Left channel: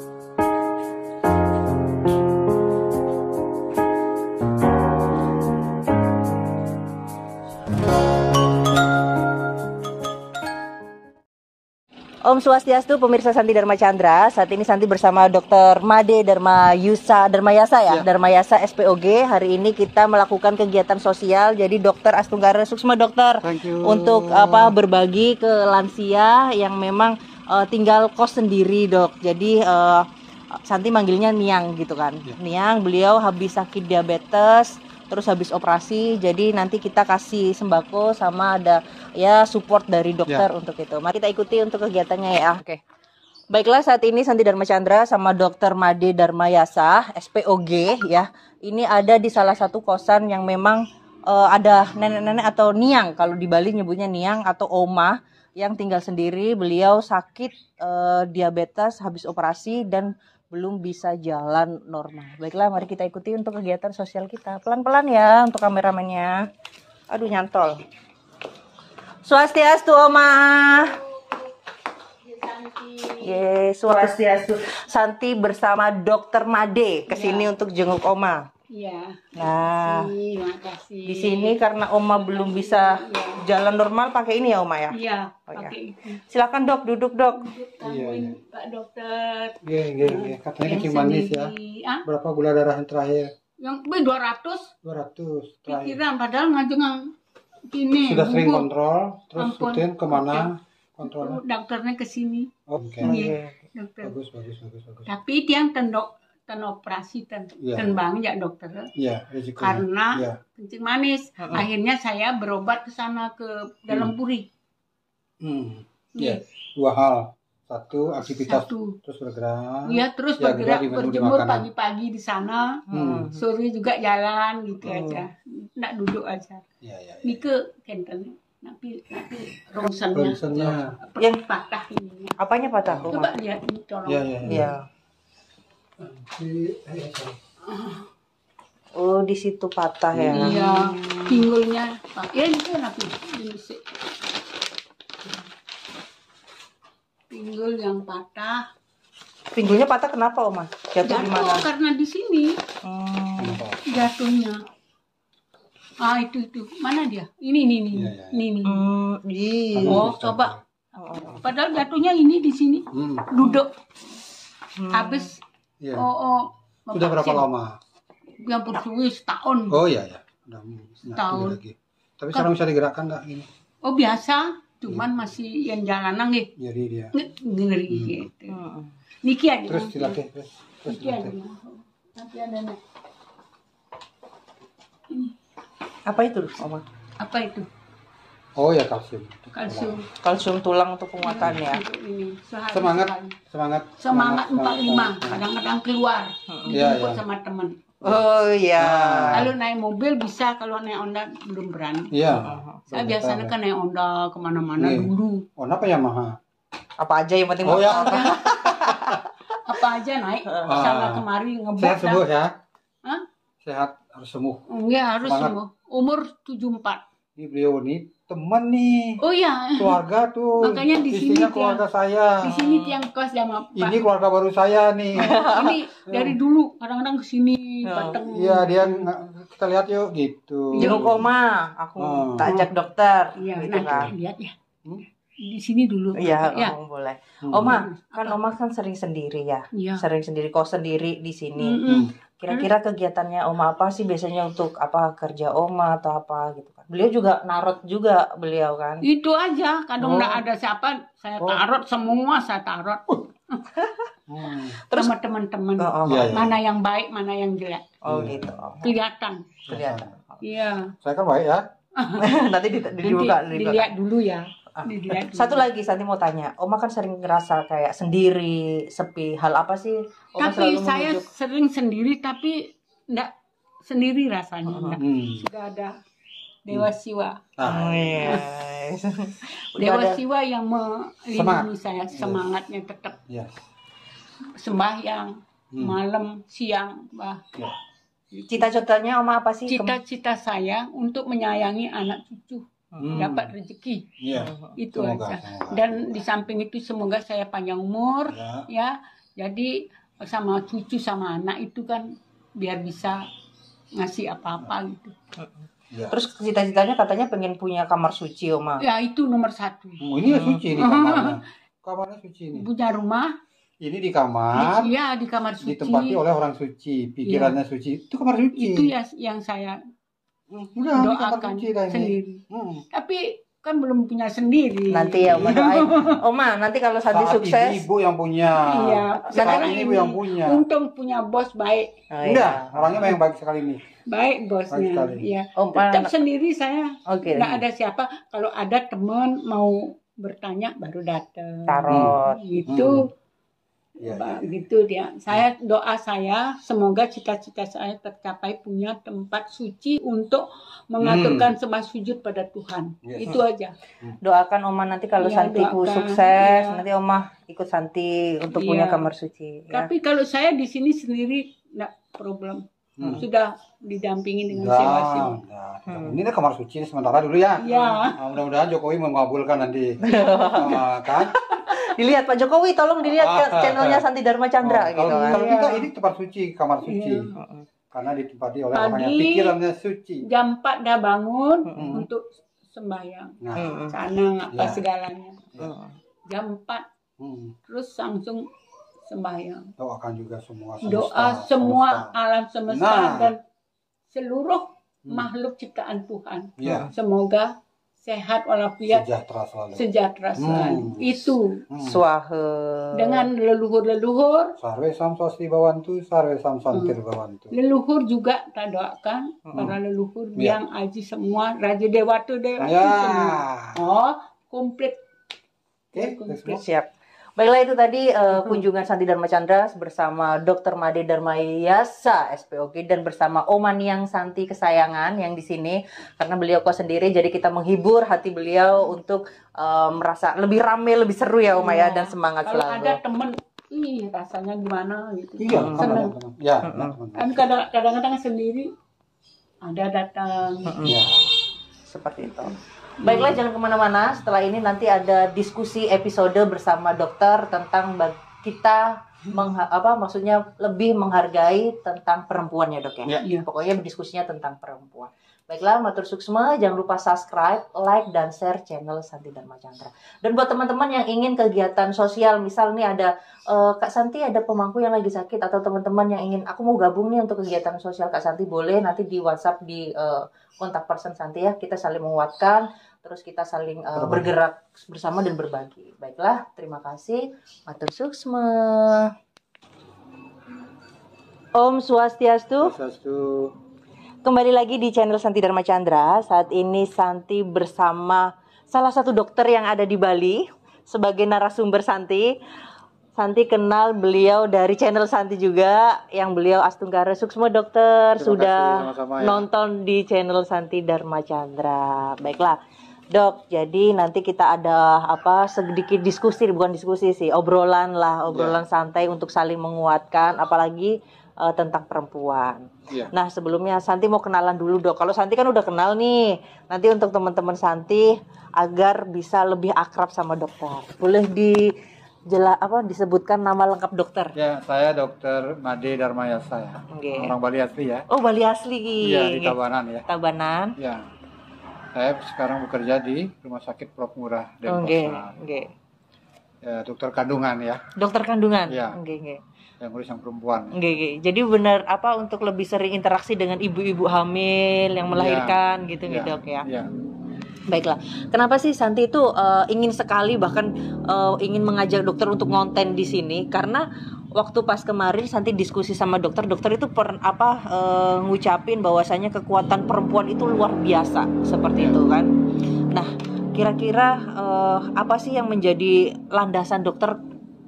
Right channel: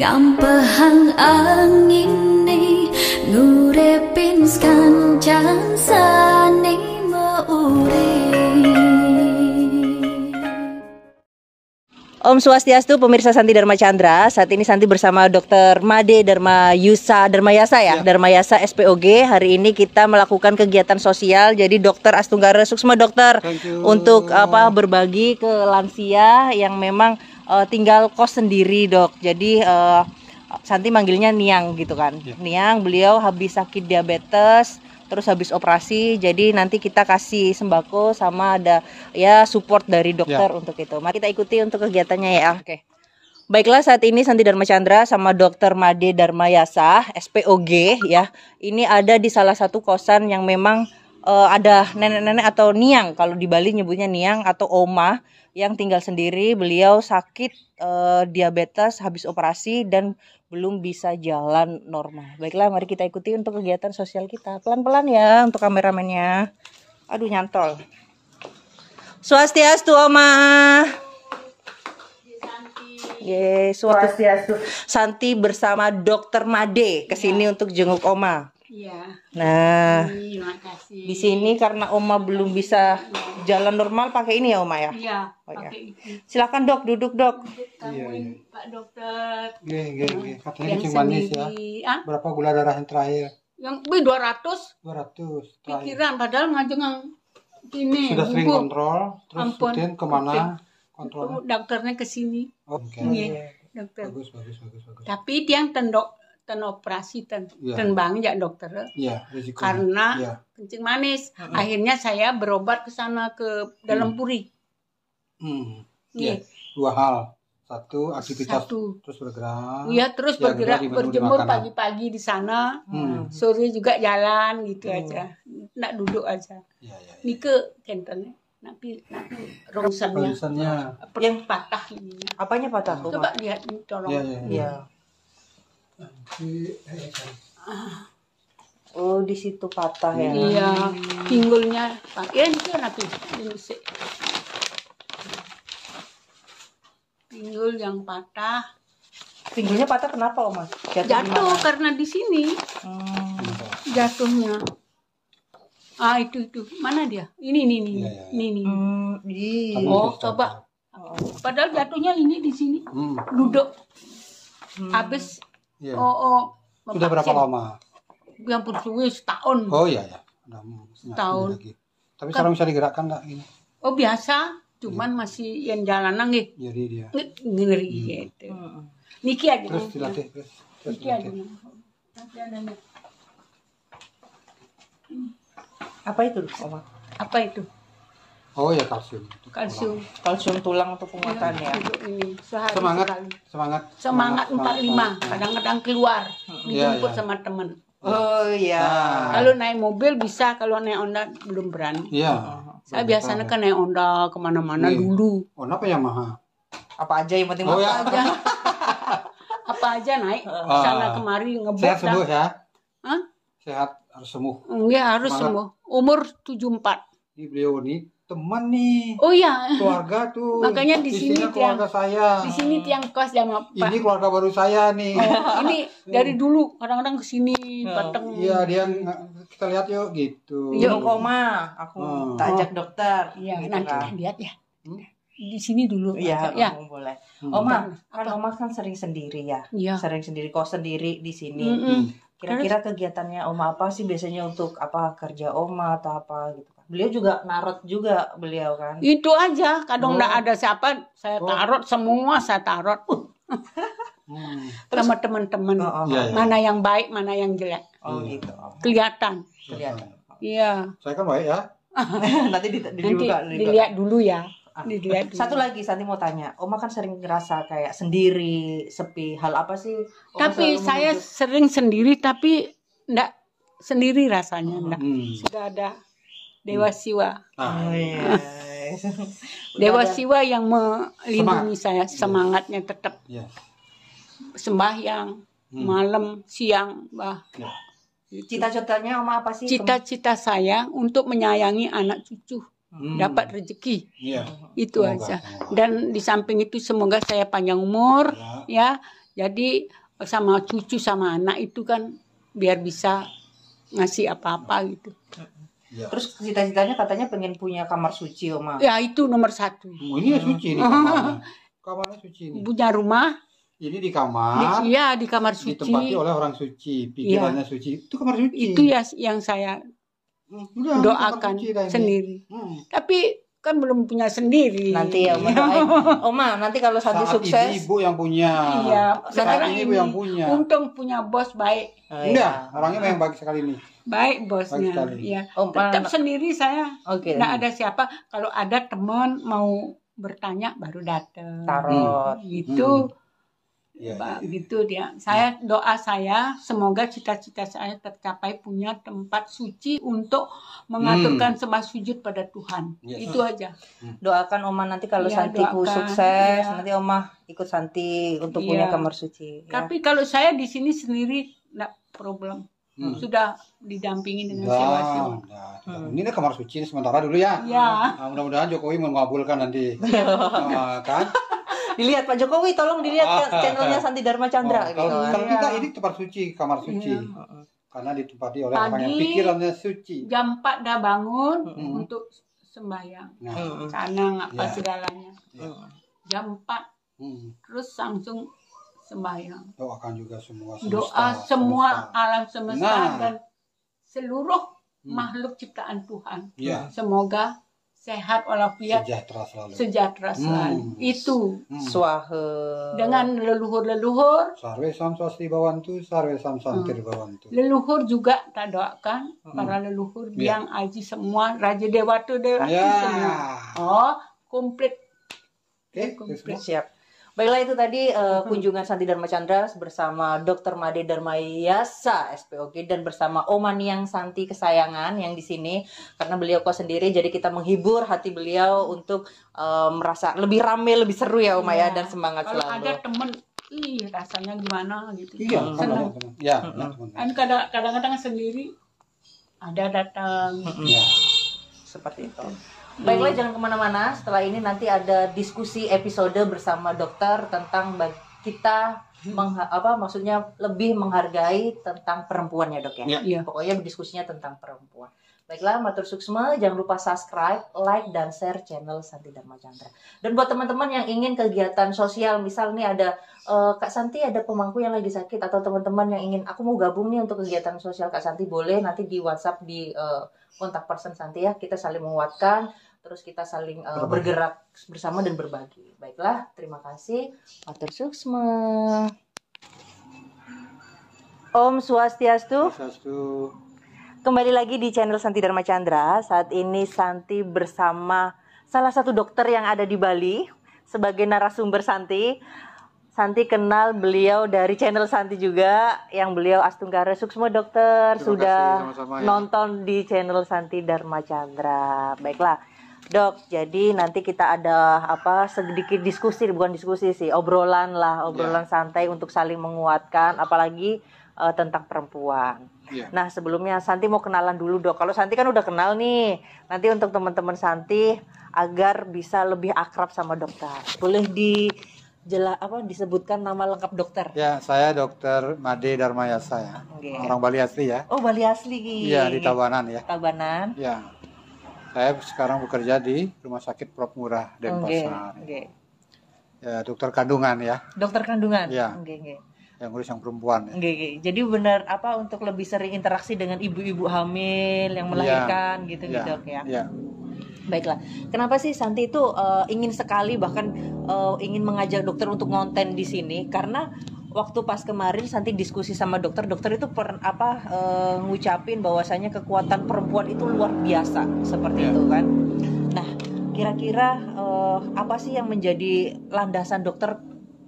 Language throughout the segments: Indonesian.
Gampahang angin ni ngurepin kancan sane Om Swastiastu, pemirsa Santi Dharma Chandra. Saat ini Santi bersama Dr. Made Dharmayasa ya, Dharmayasa SPOG. Hari ini kita melakukan kegiatan sosial. Jadi Dokter Astunggara Suksma dokter untuk berbagi ke lansia yang memang tinggal kos sendiri, Dok. Jadi Santi manggilnya Niang gitu kan. Niang, beliau habis sakit diabetes, terus habis operasi, jadi nanti kita kasih sembako sama ada ya support dari dokter untuk itu. Mari kita ikuti untuk kegiatannya ya. Oke. Baiklah, saat ini Santi Dharma Chandra sama Dr. Made Dharmayasa SPOG ya. Ini ada di salah satu kosan yang memang ada nenek-nenek atau niang, kalau di Bali nyebutnya niang atau oma yang tinggal sendiri. Beliau sakit diabetes, habis operasi dan belum bisa jalan normal. Baiklah, mari kita ikuti untuk kegiatan sosial kita. Pelan-pelan ya untuk kameramennya. Aduh, nyantol. Swastiastu, Oma. Yes, Swastiastu. Santi bersama Dokter Made kesini untuk jenguk Oma. Iya. Nah, di sini karena Oma belum bisa jalan normal, pakai ini ya Oma ya? Iya, pakai ini. Silakan Dok, duduk Dok. Iya. Pak Dokter. Iya. Katanya kencing manis ya. Berapa gula darah yang terakhir? Yang 200. 200. Pikiran padahal ngajeng gini. Sudah sering kontrol, terus rutin kemana kontrolnya? Dokternya ke sini. Oke. Dokter. Bagus. Tapi dia operasi bang ya dokter. Iya, risiko. Karena kencing manis. Akhirnya saya berobat ke sana ke dalam puri. Iya. Dua hal. Satu, aktivitas terus bergerak. Iya, terus bergerak, berjemur pagi-pagi di sana. Sore juga jalan gitu aja. Nggak duduk aja. Iya. Ini ke kentennya. Tapi rongsannya yang patah ini. Apanya patah? Coba lihat ini tolong. Iya. Oh, di situ patah ya. Iya, pinggulnya. Ya ini kenapa? Ini sih. Pinggul yang patah. Pinggulnya patah kenapa, Oma? Jatuh di mana? Karena di sini. Jatuhnya. Ah, itu. Mana dia? Ini. Oh, coba. Padahal jatuhnya ini di sini. Duduk. Habis. Sudah berapa lama? Yang bersuwi setahun. Oh iya. Setahun. Tapi sekarang bisa digerakkan enggak ini? Oh biasa, cuman masih yang jalanan gitu. Jadi dia. Ngeri gitu. Niki aja. Terus dilatih terus. Niki aja. Tapi ada ini. Apa itu, Oma? Apa itu? Oh ya, kalsium. Kalsium tulang untuk penguatan ya. Semangat 45. Kadang-kadang keluar. Dijemput sama teman. Oh iya. Kalau naik mobil bisa, kalau naik Honda belum berani. Iya. Saya biasanya kan naik Honda kemana-mana dulu. Honda apa Yamaha? Apa aja yang penting Apa aja naik sana kemari ngebut. Sehat sembuh ya? Hah? Sehat harus sembuh. Enggak harus sembuh. Umur 74. Ini beliau nih teman nih. Oh iya. Keluarga tuh. Makanya di sini keluarga saya. Di sini tiang kos yang ini keluarga baru saya nih. Ini dari dulu kadang-kadang ke sini datang. Iya, dia kita lihat yuk gitu. Jenguk Oma, aku tak ajak dokter. Iya, gitu nanti kan. lihat ya. Di sini dulu. Iya, boleh. Oma, kan Oma kan sering sendiri ya. Iya. Sering sendiri, kos sendiri di sini. Kira-kira kegiatannya Oma apa sih biasanya untuk kerja Oma atau apa gitu kan? Beliau juga narot juga beliau kan? Itu aja, kadang nggak ada siapa, saya tarot semua, saya tarot. Terus sama teman-teman, mana yang baik, mana yang jelek. Oh gitu. Kelihatan. Iya. Saya kan baik ya. Nanti dilihat dulu ya. Dilihat dulu. Satu lagi Santi mau tanya, Oma kan sering ngerasa kayak sendiri, sepi. Hal apa sih? Oma tapi saya sering sendiri, tapi enggak sendiri rasanya. Sudah ada Dewa Siwa. Dewa Siwa yang melindungi saya, semangatnya tetap. Sembahyang, malam, siang, Cita-citanya Oma apa sih? Cita-cita saya untuk menyayangi anak cucu. Dapat rezeki, itu aja. Dan di samping itu semoga saya panjang umur, ya, Jadi sama cucu sama anak itu kan biar bisa ngasih apa-apa gitu. Ya. Terus cita-citanya katanya pengen punya kamar suci, Oma. Ya itu nomor 1. Ini ya suci nih kamarnya. Kamarnya suci nih. Punya rumah. Ini di kamar. Iya di kamar suci. Ditempati oleh orang suci, pikirannya suci. Itu kamar suci. Itu ya yang saya Udah, doakan sendiri. Tapi kan belum punya sendiri. Nanti ya Oma doain. Oma, nanti kalau Santi Saat sukses. ibu yang punya. Iya. Sekarang ini ibu yang punya. Untung punya bos baik. Oh, Enggak, orangnya yang baik sekali nih. Baik bosnya. Baik sekali. Iya. Oma, Tetap sendiri saya. Oke. Nggak ada siapa. Kalau ada teman mau bertanya baru datang. Tarot. Gitu. Iya. Gitu dia. Doa saya semoga cita-cita saya tercapai, punya tempat suci untuk mengaturkan sembah sujud pada Tuhan. Yes. Itu aja. Doakan Oma nanti kalau Iya, Santiku doakan. sukses, Iya. nanti Oma ikut Santi untuk Iya. punya kamar suci. Ya. Tapi kalau saya di sini sendiri enggak problem. Sudah didampingi dengan sewa-sewa. Ini nih kamar suci sementara dulu ya. Iya. Nah, mudah-mudahan Jokowi mengabulkan nanti. Kan? Dilihat Pak Jokowi, tolong dilihat channelnya Santi Dharma Chandra gitu. Kalau kan. kita ini tempat suci, kamar suci. Karena ditempati oleh orang yang Tadi pikirannya suci. Jam 4 dah bangun untuk sembahyang. Nah, Canang apa Ya. segalanya. Jam 4 terus langsung sembahyang. doakan juga semua Doa semua alam semesta Nah. dan seluruh makhluk ciptaan Tuhan. Ya. Semoga sehat walafiat, Sejahtera selalu. sejahtera selalu. Itu Swahe. dengan leluhur-leluhur. Sarwe sam swasti bawantu, sarwe sam santir bawantu. Leluhur juga kita doakan para leluhur Ya. biang aji semua, Raja Dewata Dewata Ya. semua. Oh, komplit. Oke, semua. Siap. Baiklah itu tadi kunjungan Santi Dharma Chandra bersama Dr. Made Darmayasa SPOG dan bersama Oma Niang Santi kesayangan yang di sini karena beliau kok sendiri jadi kita menghibur hati beliau untuk merasa lebih rame, lebih seru ya Oma ya dan semangat Kalau selalu. ada temen, rasanya gimana gitu. Iya, kan ada Seneng. teman. Ya, ada teman. Kan kadang-kadang sendiri ada datang. Ya. Seperti itu. Baiklah jangan kemana-mana. Setelah ini nanti ada diskusi episode bersama dokter tentang kita maksudnya lebih menghargai tentang perempuan ya dok ya. Iya. Pokoknya diskusinya tentang perempuan. Baiklah, matur suksma, jangan lupa subscribe, like, dan share channel Santi Dharma Chandra. Dan buat teman-teman yang ingin kegiatan sosial, misal nih ada Kak Santi ada pemangku yang lagi sakit atau teman-teman yang ingin aku mau gabung nih untuk kegiatan sosial Kak Santi, boleh nanti di WhatsApp di kontak person Santi ya, kita saling menguatkan, terus kita saling bergerak bersama dan berbagi. Baiklah, terima kasih. Matur suksma. Om Swastiastu. Swastiastu. Kembali lagi di channel Santi Dharma Chandra. Saat ini Santi bersama salah satu dokter yang ada di Bali sebagai narasumber Santi. Santi kenal beliau dari channel Santi juga, yang beliau Astunggara Suksma dokter. Terima sudah kasih, sama-sama ya. nonton di channel Santi Dharma Chandra. Baiklah dok, jadi nanti kita ada sedikit diskusi, bukan diskusi sih, obrolan santai untuk saling menguatkan, apalagi tentang perempuan. Ya. Nah sebelumnya Santi mau kenalan dulu dok. Kalau Santi kan udah kenal nih. Nanti untuk teman-teman Santi agar bisa lebih akrab sama dokter, boleh disebutkan nama lengkap dokter. Ya, saya Dr. Made Darmayasa ya. Okay. Orang Bali asli ya. Oh Bali asli. Iya, di Tabanan ya. Tabanan. Ya. Saya sekarang bekerja di Rumah Sakit Prof Murah Denpasar. Ya, dokter kandungan ya. Dokter kandungan. Ya. Oke. Yang ngurus yang perempuan ya. Jadi benar untuk lebih sering interaksi dengan ibu-ibu hamil yang melahirkan gitu nih dok ya. Iya. Baiklah, kenapa sih Santi itu ingin sekali bahkan ingin mengajak dokter untuk ngonten di sini? Karena waktu pas kemarin Santi diskusi sama dokter itu ngucapin bahwasanya kekuatan perempuan itu luar biasa seperti itu kan. Nah, kira-kira apa sih yang menjadi landasan dokter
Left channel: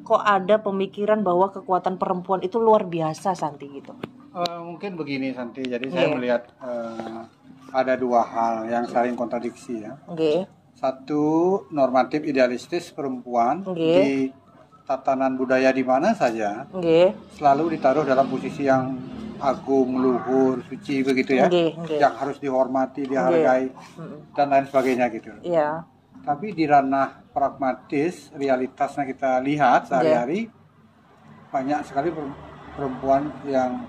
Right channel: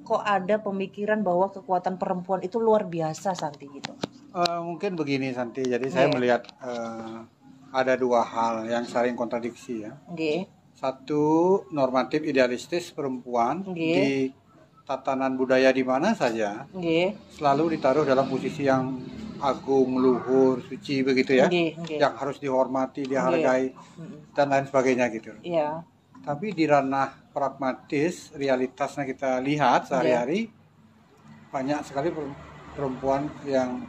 kok ada pemikiran bahwa kekuatan perempuan itu luar biasa Santi gitu? Mungkin begini Santi, jadi saya melihat ada dua hal yang saling kontradiksi ya. Satu, normatif idealistis perempuan di tatanan budaya di mana saja selalu ditaruh dalam posisi yang agung, luhur, suci begitu ya, yang harus dihormati, dihargai dan lain sebagainya gitu. Iya. Tapi di ranah pragmatis, realitasnya kita lihat sehari-hari, banyak sekali perempuan yang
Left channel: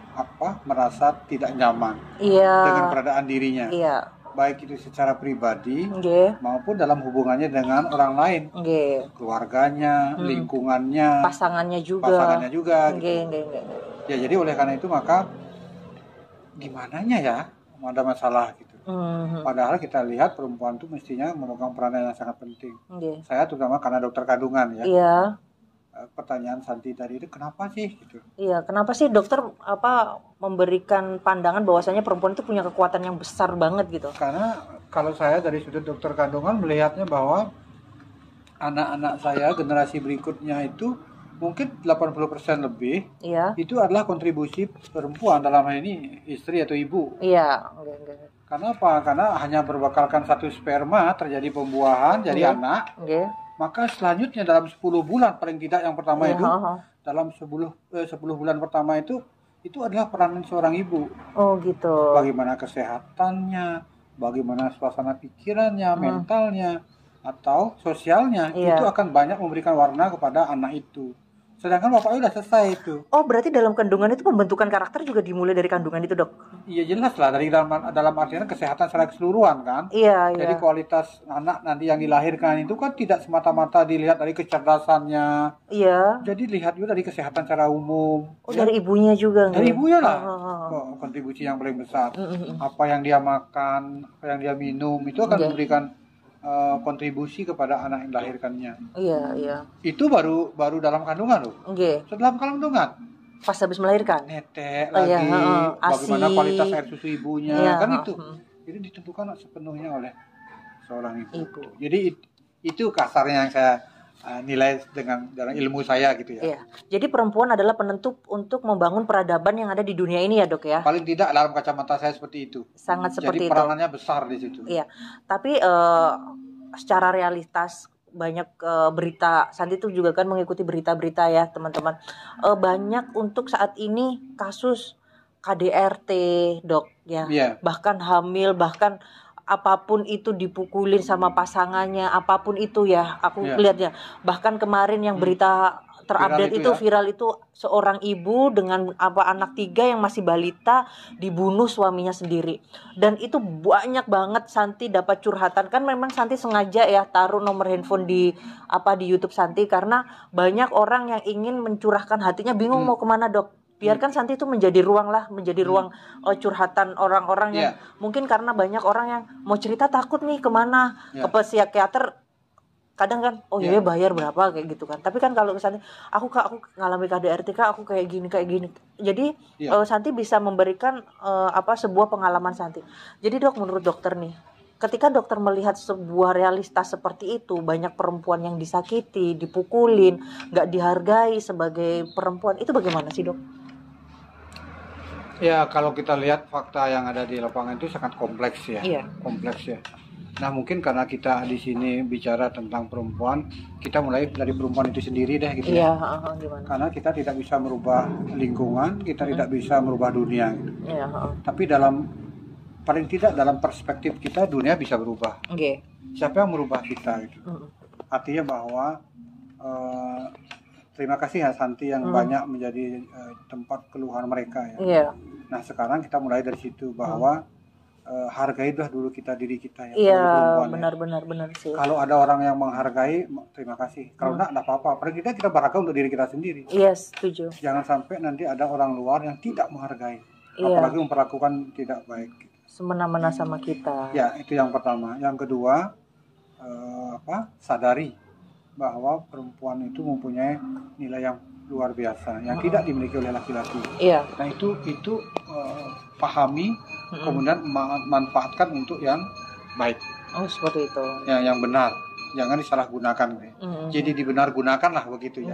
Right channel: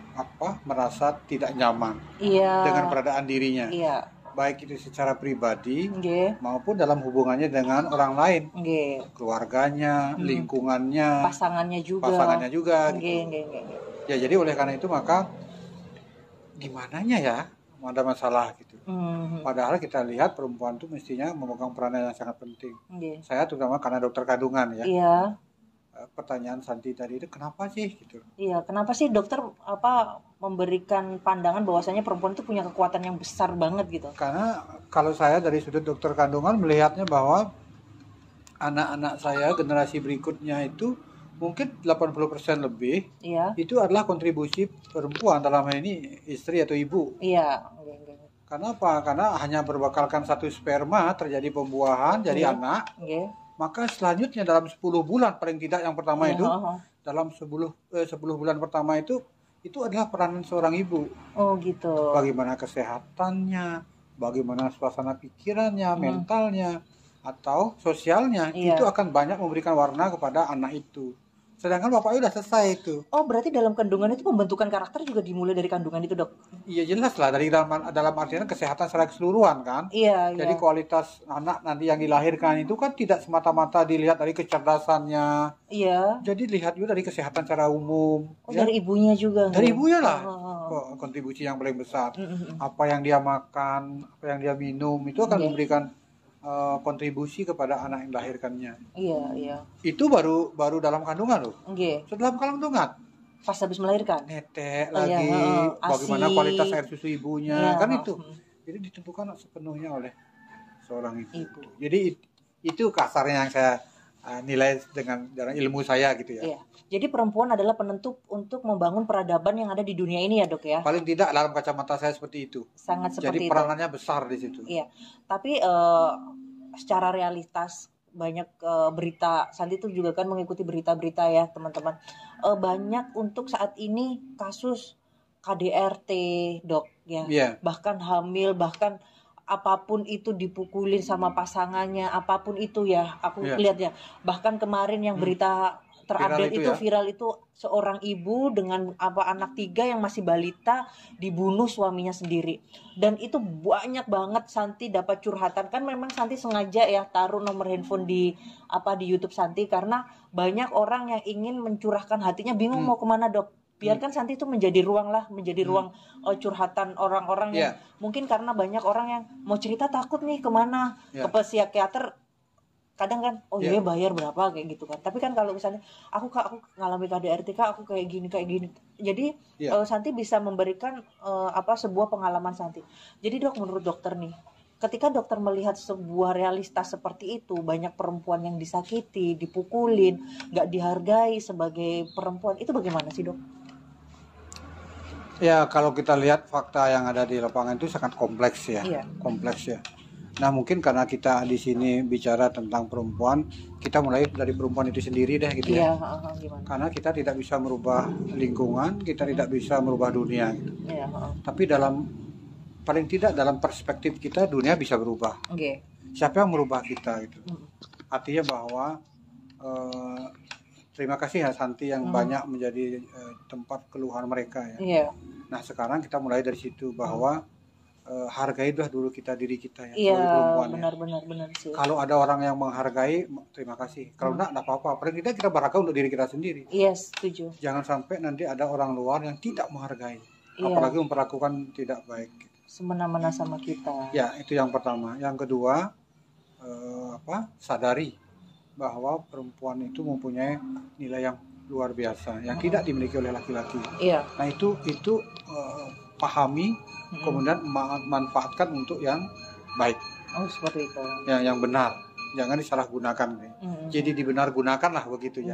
merasa tidak nyaman Iya. dengan keberadaan dirinya. Iya. Baik itu secara pribadi Nggih. maupun dalam hubungannya dengan orang lain. Nggih. Keluarganya, lingkungannya, Pasangannya juga. gitu. Nggih. Ya, jadi oleh karena itu maka gimananya ya ada masalah gitu. Padahal kita lihat perempuan itu mestinya memegang peranan yang sangat penting. Saya terutama karena dokter kandungan ya. Iya. Pertanyaan Santi tadi itu kenapa sih gitu? Iya, kenapa sih dokter memberikan pandangan bahwasanya perempuan itu punya kekuatan yang besar banget gitu? Karena kalau saya dari sudut dokter kandungan melihatnya bahwa anak-anak saya generasi berikutnya itu mungkin 80% lebih itu adalah kontribusi perempuan, dalam hal ini istri atau ibu. Iya. Karena apa? Karena hanya berbakalkan satu sperma terjadi pembuahan jadi anak. Maka selanjutnya dalam 10 bulan paling tidak yang pertama itu dalam 10 bulan pertama itu adalah peranan seorang ibu. Oh gitu. Bagaimana kesehatannya, bagaimana suasana pikirannya, mentalnya atau sosialnya itu akan banyak memberikan warna kepada anak itu. Sedangkan bapaknya udah selesai itu. Oh, berarti dalam kandungan itu pembentukan karakter juga dimulai dari kandungan itu, Dok? Iya, jelas lah, dari dalam artian kesehatan secara keseluruhan kan. Iya. Jadi kualitas anak nanti yang dilahirkan itu kan tidak semata-mata dilihat dari kecerdasannya. Iya. Jadi lihat juga dari kesehatan secara umum. Oh, ya? Dari ibunya juga. Dari ibunya lah. Kontribusi yang paling besar. Apa yang dia makan, apa yang dia minum itu akan memberikan kontribusi kepada anak yang dilahirkannya. Iya. Itu baru dalam kandungan loh. Setelah kandungan, pas habis melahirkan, netek lagi, bagaimana kualitas air susu ibunya, kan itu. Jadi ditentukan sepenuhnya oleh seorang ibu. Jadi itu kasarnya yang saya nilai dengan ilmu saya gitu ya. Iya. Jadi perempuan adalah penentu untuk membangun peradaban yang ada di dunia ini ya, Dok ya. Paling tidak dalam kacamata saya seperti itu. Sangat seperti itu. Jadi peranannya besar di situ. Iya. Tapi secara realitas banyak berita, Santi itu juga kan mengikuti berita-berita ya teman-teman. Banyak untuk saat ini kasus KDRT, Dok ya. Bahkan hamil, bahkan apapun itu dipukulin sama pasangannya, apapun itu ya, aku lihatnya. Bahkan kemarin yang berita terupdate viral itu seorang ibu dengan anak 3 yang masih balita dibunuh suaminya sendiri. Dan itu banyak banget Santi dapat curhatan. Kan memang Santi sengaja ya taruh nomor handphone di YouTube Santi karena banyak orang yang ingin mencurahkan hatinya, bingung mau kemana, Dok. Biarkan Santi itu menjadi ruang curhatan orang-orang yang mungkin karena banyak orang yang mau cerita takut nih kemana, ke psikiater. Kadang kan bayar berapa kayak gitu kan. Tapi kan kalau misalnya aku ngalami KDRT, aku kayak gini. Jadi Santi bisa memberikan sebuah pengalaman Santi. Jadi Dok, menurut dokter nih, ketika dokter melihat sebuah realitas seperti itu, banyak perempuan yang disakiti, dipukulin, gak dihargai sebagai perempuan, itu bagaimana sih, Dok? Ya, kalau kita lihat fakta yang ada di lapangan itu sangat kompleks ya. Kompleks ya. Nah, mungkin karena kita di sini bicara tentang perempuan, kita mulai dari perempuan itu sendiri deh gitu ya. Karena kita tidak bisa merubah lingkungan, kita tidak bisa merubah dunia gitu. Tapi paling tidak dalam perspektif kita dunia bisa berubah. Siapa yang merubah kita gitu. Artinya bahwa terima kasih ya Santi yang banyak menjadi tempat keluhan mereka ya. Nah, sekarang kita mulai dari situ bahwa hargailah dulu diri kita ya. Iya, benar sih. Kalau ada orang yang menghargai, terima kasih. Kalau enggak apa-apa. Paling tidak kita berharga untuk diri kita sendiri. Iya, setuju. Jangan sampai nanti ada orang luar yang tidak menghargai. Apalagi memperlakukan tidak baik. Semena-mena sama kita. Ya, itu yang pertama. Yang kedua, sadari bahwa perempuan itu mempunyai nilai yang luar biasa yang tidak dimiliki oleh laki-laki. Nah, itu pahami, kemudian manfaatkan untuk yang baik. Oh, seperti itu. Ya, yang benar. Jangan disalahgunakan. Jadi dibenar-gunakanlah begitu ya.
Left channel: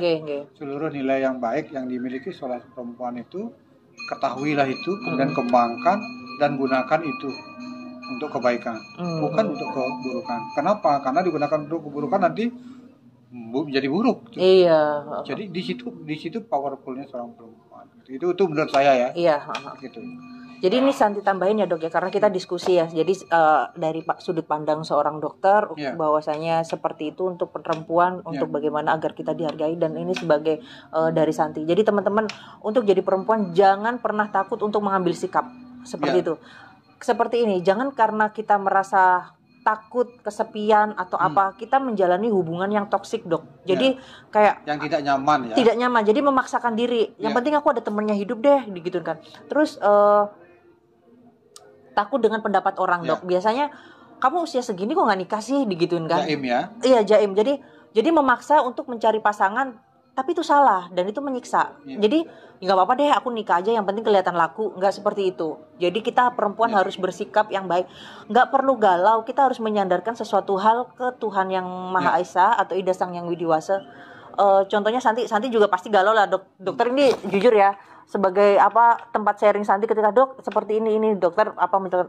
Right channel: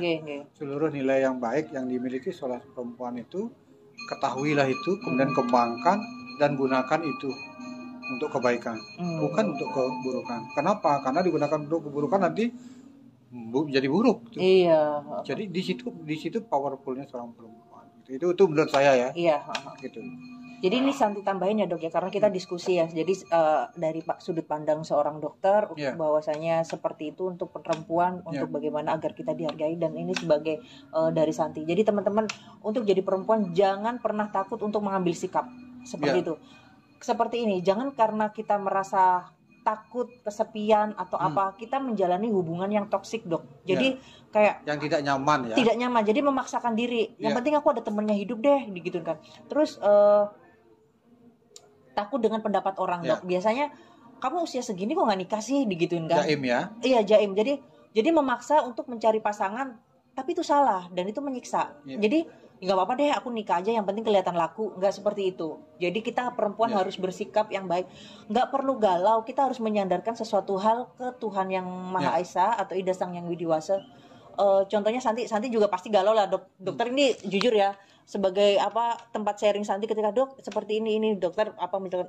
Seluruh nilai yang baik yang dimiliki oleh perempuan itu, ketahuilah itu, kemudian kembangkan dan gunakan itu untuk kebaikan, bukan untuk keburukan. Kenapa? Karena digunakan untuk keburukan nanti menjadi buruk. Iya. Jadi di situ powerfulnya seorang perempuan. gitu. Itu menurut saya ya. Iya. Gitu. Jadi ini Santi tambahin ya dok ya, karena kita diskusi ya. Jadi dari sudut pandang seorang dokter, bahwasanya seperti itu untuk perempuan, untuk bagaimana agar kita dihargai, dan ini sebagai dari Santi. Jadi teman-teman, untuk jadi perempuan jangan pernah takut untuk mengambil sikap seperti itu. Seperti ini, jangan karena kita merasa takut, kesepian atau apa, kita menjalani hubungan yang toksik dok. Jadi kayak yang tidak nyaman ya. Tidak nyaman, jadi memaksakan diri. Yang penting aku ada temennya hidup deh, gitu kan. Terus takut dengan pendapat orang dok. Biasanya kamu usia segini kok nggak nikah sih, digituin kan? Jaim ya? Iya jaim. Jadi memaksa untuk mencari pasangan, tapi itu salah dan itu menyiksa. Jadi nggak apa-apa deh, aku nikah aja, yang penting kelihatan laku. Nggak seperti itu. Jadi kita perempuan harus bersikap yang baik. Nggak perlu galau. Kita harus menyandarkan sesuatu hal ke Tuhan yang Maha Esa atau Ida Sang Yang Widiwasa. Contohnya Santi juga pasti galau lah dok. Dokter ini jujur ya, sebagai tempat sharing Santi ketika dok seperti ini dokter misalkan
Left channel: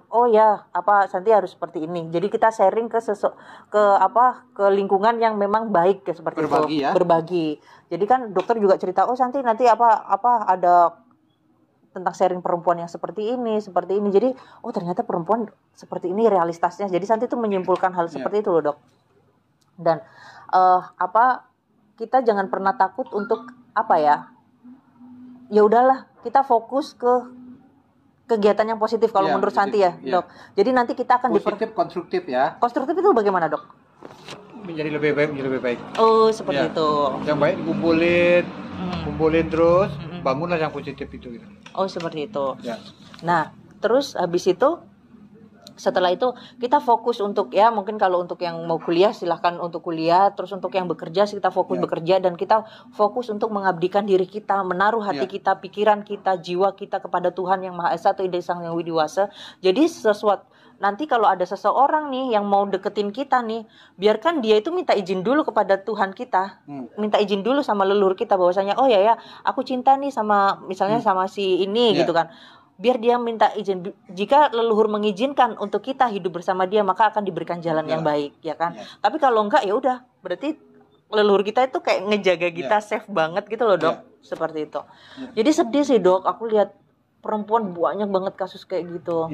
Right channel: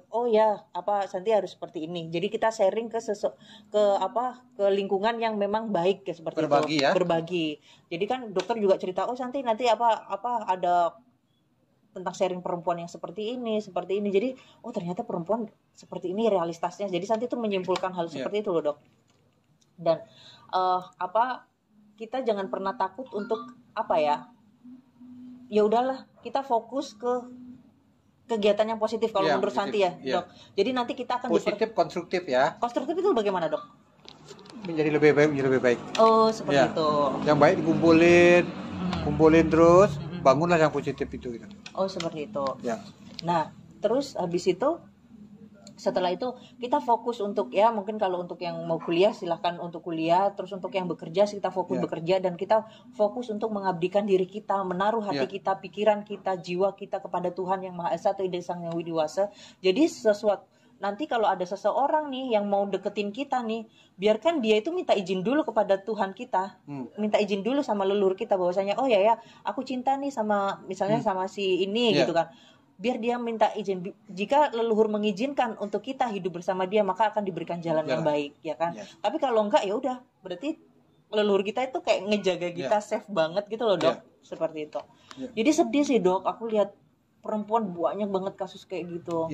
Santi harus seperti ini. Jadi kita sharing ke lingkungan yang memang baik ya, seperti berbagi, itu. Berbagi. Jadi kan dokter juga cerita, Santi nanti ada tentang sharing perempuan yang seperti ini. Jadi ternyata perempuan seperti ini realitasnya. Jadi Santi tuh menyimpulkan hal seperti itu loh dok. Dan kita jangan pernah takut untuk ya udahlah, kita fokus ke kegiatan yang positif kalau menurut Santi ya dok. Jadi nanti kita akan positif, konstruktif ya. Konstruktif itu bagaimana dok? Menjadi lebih baik. Oh seperti itu. Yang baik kumpulin terus, bangunlah yang positif itu. Gitu. Oh seperti itu. Ya. Nah terus habis itu, setelah itu kita fokus untuk mungkin kalau untuk yang mau kuliah silahkan untuk kuliah, terus untuk yang bekerja kita fokus bekerja, dan kita fokus untuk mengabdikan diri kita, menaruh hati kita, pikiran kita, jiwa kita kepada Tuhan yang Maha Esa atau Ida Sang Yang Widiwasa. Jadi nanti kalau ada seseorang nih yang mau deketin kita nih, biarkan dia itu minta izin dulu kepada Tuhan kita, minta izin dulu sama leluhur kita bahwasanya aku cinta nih sama misalnya sama si ini gitu kan. Biar dia minta izin. Jika leluhur mengizinkan untuk kita hidup bersama dia, maka akan diberikan jalan yang baik, ya kan? Tapi kalau enggak, ya udah, berarti leluhur kita itu kayak ngejaga kita safe banget gitu loh dok, seperti itu. Jadi sedih sih dok, aku lihat perempuan banyak banget kasus kayak gitu.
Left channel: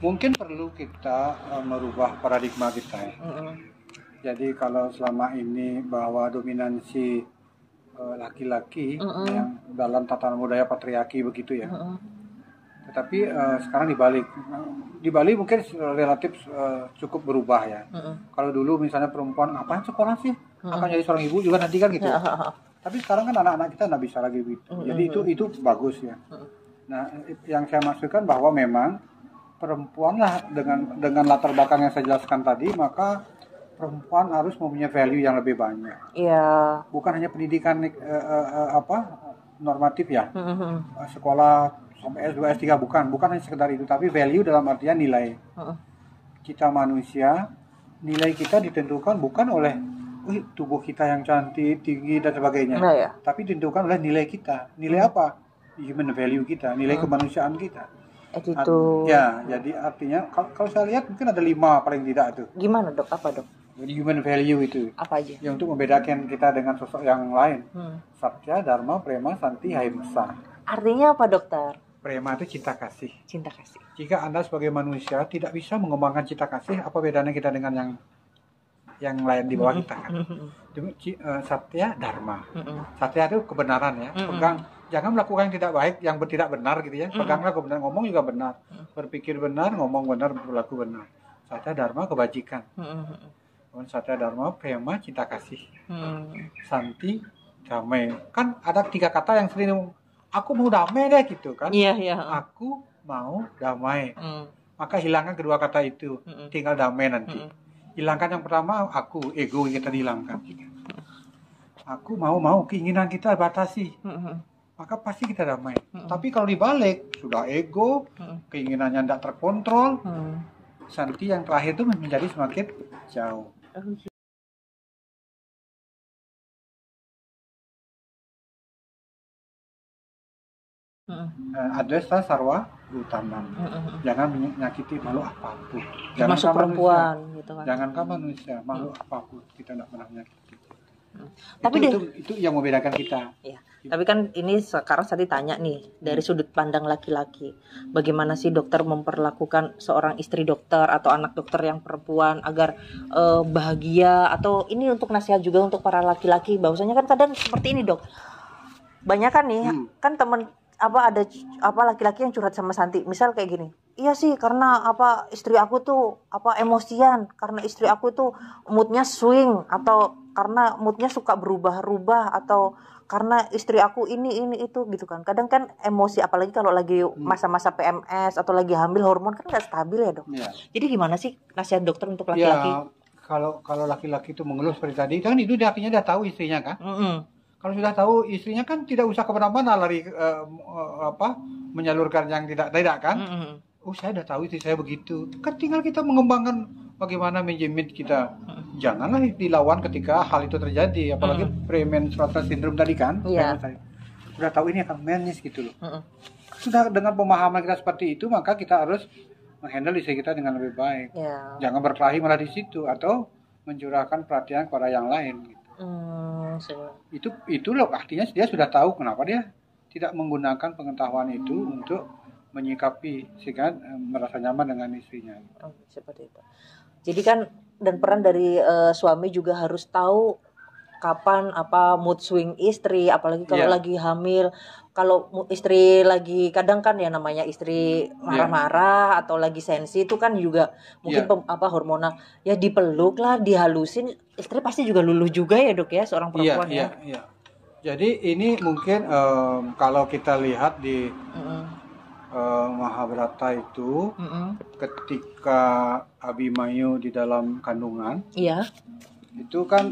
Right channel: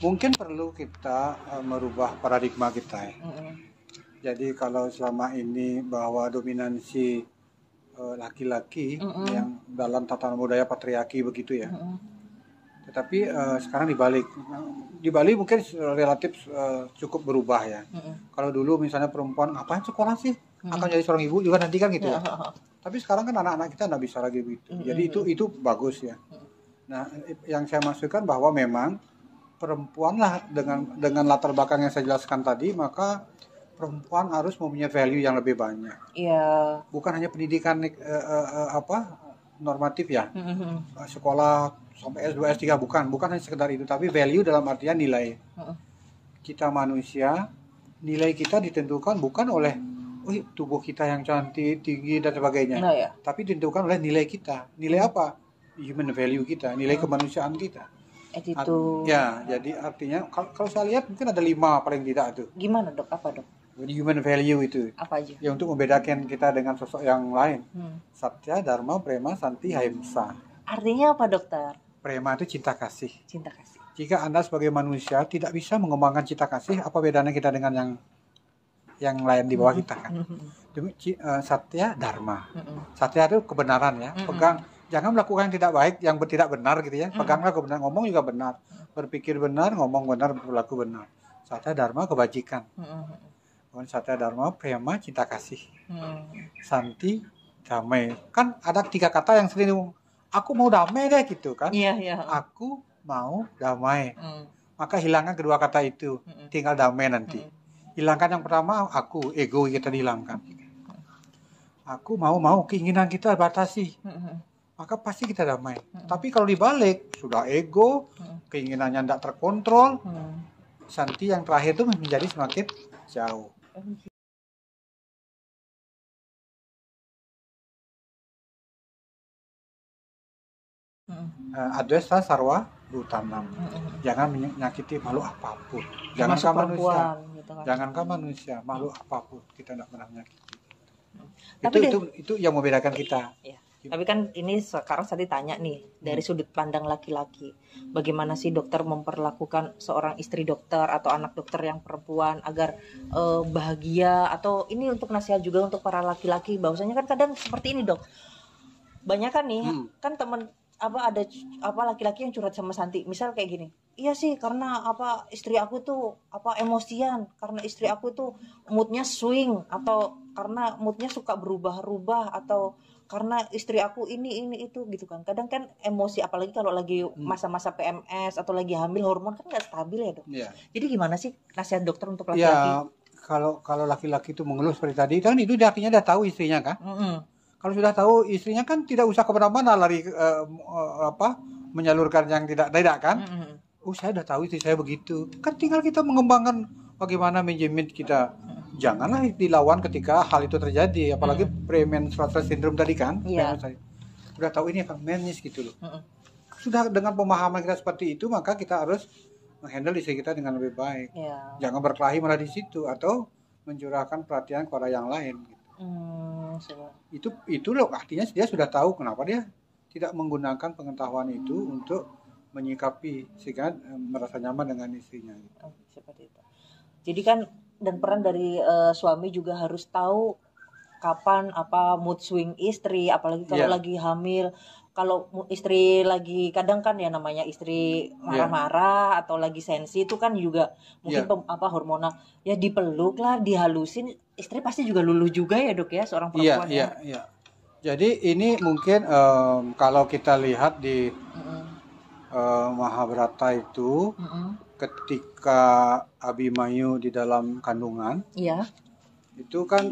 Mungkin perlu kita merubah paradigma kita ya. Jadi kalau selama ini bahwa dominansi laki-laki yang dalam tatanan budaya patriarki begitu ya. Tetapi sekarang dibalik. Di Bali mungkin relatif cukup berubah ya. Kalau dulu misalnya perempuan ngapain sekolah sih? Akan jadi seorang ibu juga nanti kan gitu. Tapi sekarang kan anak-anak kita nggak bisa lagi begitu. Jadi itu bagus ya. Nah, yang saya maksudkan bahwa memang perempuan lah dengan latar belakang yang saya jelaskan tadi, maka perempuan harus mempunyai value yang lebih banyak. Iya. Bukan hanya pendidikan normatif ya. Sekolah sampai S2, S3 bukan hanya sekedar itu, tapi value dalam artian nilai. Kita manusia, nilai kita ditentukan bukan oleh tubuh kita yang cantik, tinggi dan sebagainya. Tapi ditentukan oleh nilai kita. Nilai apa? Human value kita, nilai kemanusiaan kita. Itu. Jadi artinya kalau saya lihat mungkin ada 5 paling tidak tuh. Gimana dok? Apa dok? Jadi human value itu. Apa aja? Ya untuk membedakan kita dengan sosok yang lain. Satya, Dharma, Prema, Santi, Ahimsa. Artinya apa dokter? Prema itu cinta kasih. Cinta kasih. Jika Anda sebagai manusia tidak bisa mengembangkan cinta kasih, apa bedanya kita dengan yang lain di bawah kita kan? Satya, Dharma. Satya itu kebenaran ya. Pegang, jangan melakukan yang tidak baik, yang tidak benar gitu ya. Peganglah kebenaran, ngomong juga benar. Berpikir benar, ngomong benar, berlaku benar. Satya, Dharma, kebajikan. Satya, Dharma, Prema, cinta kasih. Santi, damai. Kan ada 3 kata yang sering, aku mau damai deh gitu kan. Aku mau damai. Maka hilangkan kedua kata itu, tinggal damai nanti. Hilangkan yang pertama, aku, ego kita hilangkan. Aku mau keinginan kita batasi. Maka pasti kita damai. Tapi kalau dibalik, sudah ego, keinginannya tidak terkontrol, Santi yang terakhir itu menjadi semakin jauh. Adwesa sarwa utama. Jangan menyakiti makhluk apapun. Termasuk perempuan gitu kan. Jangankan manusia, makhluk apapun kita tidak pernah menyakiti. Tapi itu yang membedakan kita. Tapi kan ini sekarang Santi tanya nih dari sudut pandang laki-laki, bagaimana sih dokter memperlakukan seorang istri dokter atau anak dokter yang perempuan agar bahagia, atau ini untuk nasihat juga untuk para laki-laki, bahwasanya kan kadang seperti ini dok, banyak kan nih kan temen ada laki-laki yang curhat sama Santi, misal kayak gini, iya sih karena istri aku tuh emosian, karena istri aku tuh moodnya swing, atau karena moodnya suka berubah-ubah, atau karena istri aku ini itu gitu kan. Kadang kan emosi, apalagi kalau lagi masa-masa PMS atau lagi hamil, hormon kan nggak stabil ya dok. Jadi gimana sih nasihat dokter untuk laki-laki? Ya, kalau laki-laki itu mengeluh seperti tadi kan, itu artinya udah tahu istrinya kan. Kalau sudah tahu istrinya kan tidak usah kemana-mana lari menyalurkan yang tidak kan. Oh, saya udah tahu istri saya begitu. Kan tinggal kita mengembangkan bagaimana manajemen kita. Janganlah dilawan ketika hal itu terjadi, apalagi premenstrual syndrome tadi kan. Sudah tahu ini akan menses gitu loh. Sudah dengan pemahaman kita seperti itu, maka kita harus menghandle istri kita dengan lebih baik. Jangan berkelahi malah di situ, atau mencurahkan perhatian kepada yang lain gitu. Itu loh artinya dia sudah tahu kenapa dia tidak menggunakan pengetahuan itu untuk menyikapi sehingga merasa nyaman dengan istrinya. Seperti itu. Jadi kan dan peran dari suami juga harus tahu kapan mood swing istri, apalagi kalau lagi hamil. Kalau istri lagi, kadang kan ya namanya istri marah-marah atau lagi sensi, itu kan juga mungkin hormonal. Ya dipeluk lah, dihalusin, istri pasti juga luluh juga ya dok ya, seorang perempuan ya. Jadi ini mungkin kalau kita lihat di Mahabharata itu, ketika Abimanyu di dalam kandungan, itu kan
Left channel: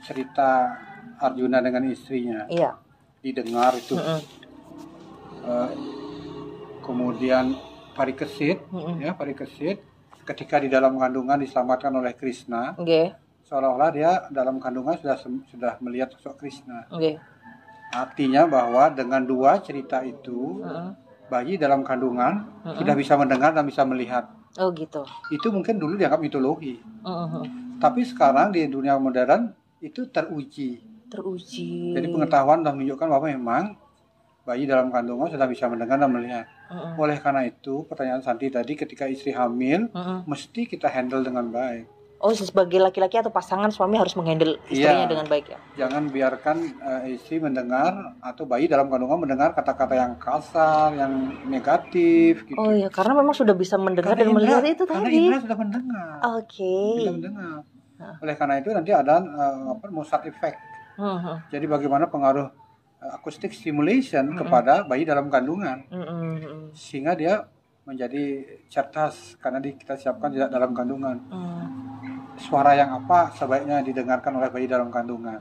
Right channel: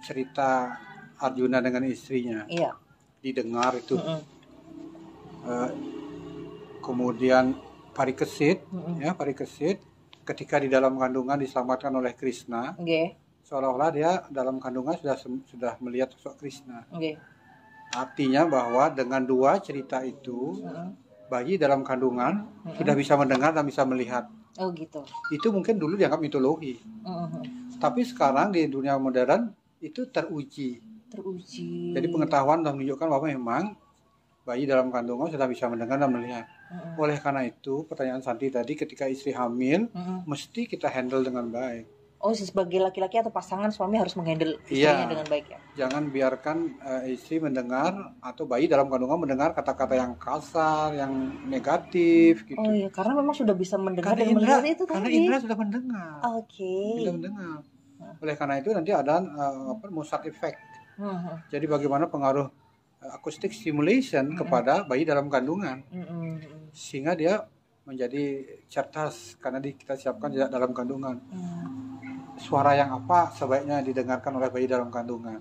cerita Arjuna dengan istrinya. Didengar itu. Kemudian Parikesit, Parikesit ketika di dalam kandungan diselamatkan oleh Krishna, seolah-olah dia dalam kandungan sudah melihat sosok Krishna. Artinya bahwa dengan dua cerita itu, bayi dalam kandungan sudah bisa mendengar dan bisa melihat. Oh gitu. Itu mungkin dulu dianggap mitologi. Tapi sekarang di dunia modern itu teruji. Jadi pengetahuan sudah menunjukkan bahwa memang bayi dalam kandungan sudah bisa mendengar dan melihat. Oleh karena itu pertanyaan Santi tadi, ketika istri hamil mesti kita handle dengan baik. Oh, sebagai laki-laki atau pasangan, suami harus menghandle istrinya dengan baik ya. Jangan biarkan istri mendengar atau bayi dalam kandungan mendengar kata-kata yang kasar, yang negatif gitu. Oh iya, karena memang sudah bisa mendengar dan melihat itu tadi. Karena indra sudah mendengar. Bisa mendengar. Oleh karena itu nanti ada Mozart effect. Jadi bagaimana pengaruh acoustic stimulation kepada bayi dalam kandungan, sehingga dia menjadi cerdas karena kita siapkan tidak dalam kandungan. Suara yang apa sebaiknya didengarkan oleh bayi dalam kandungan.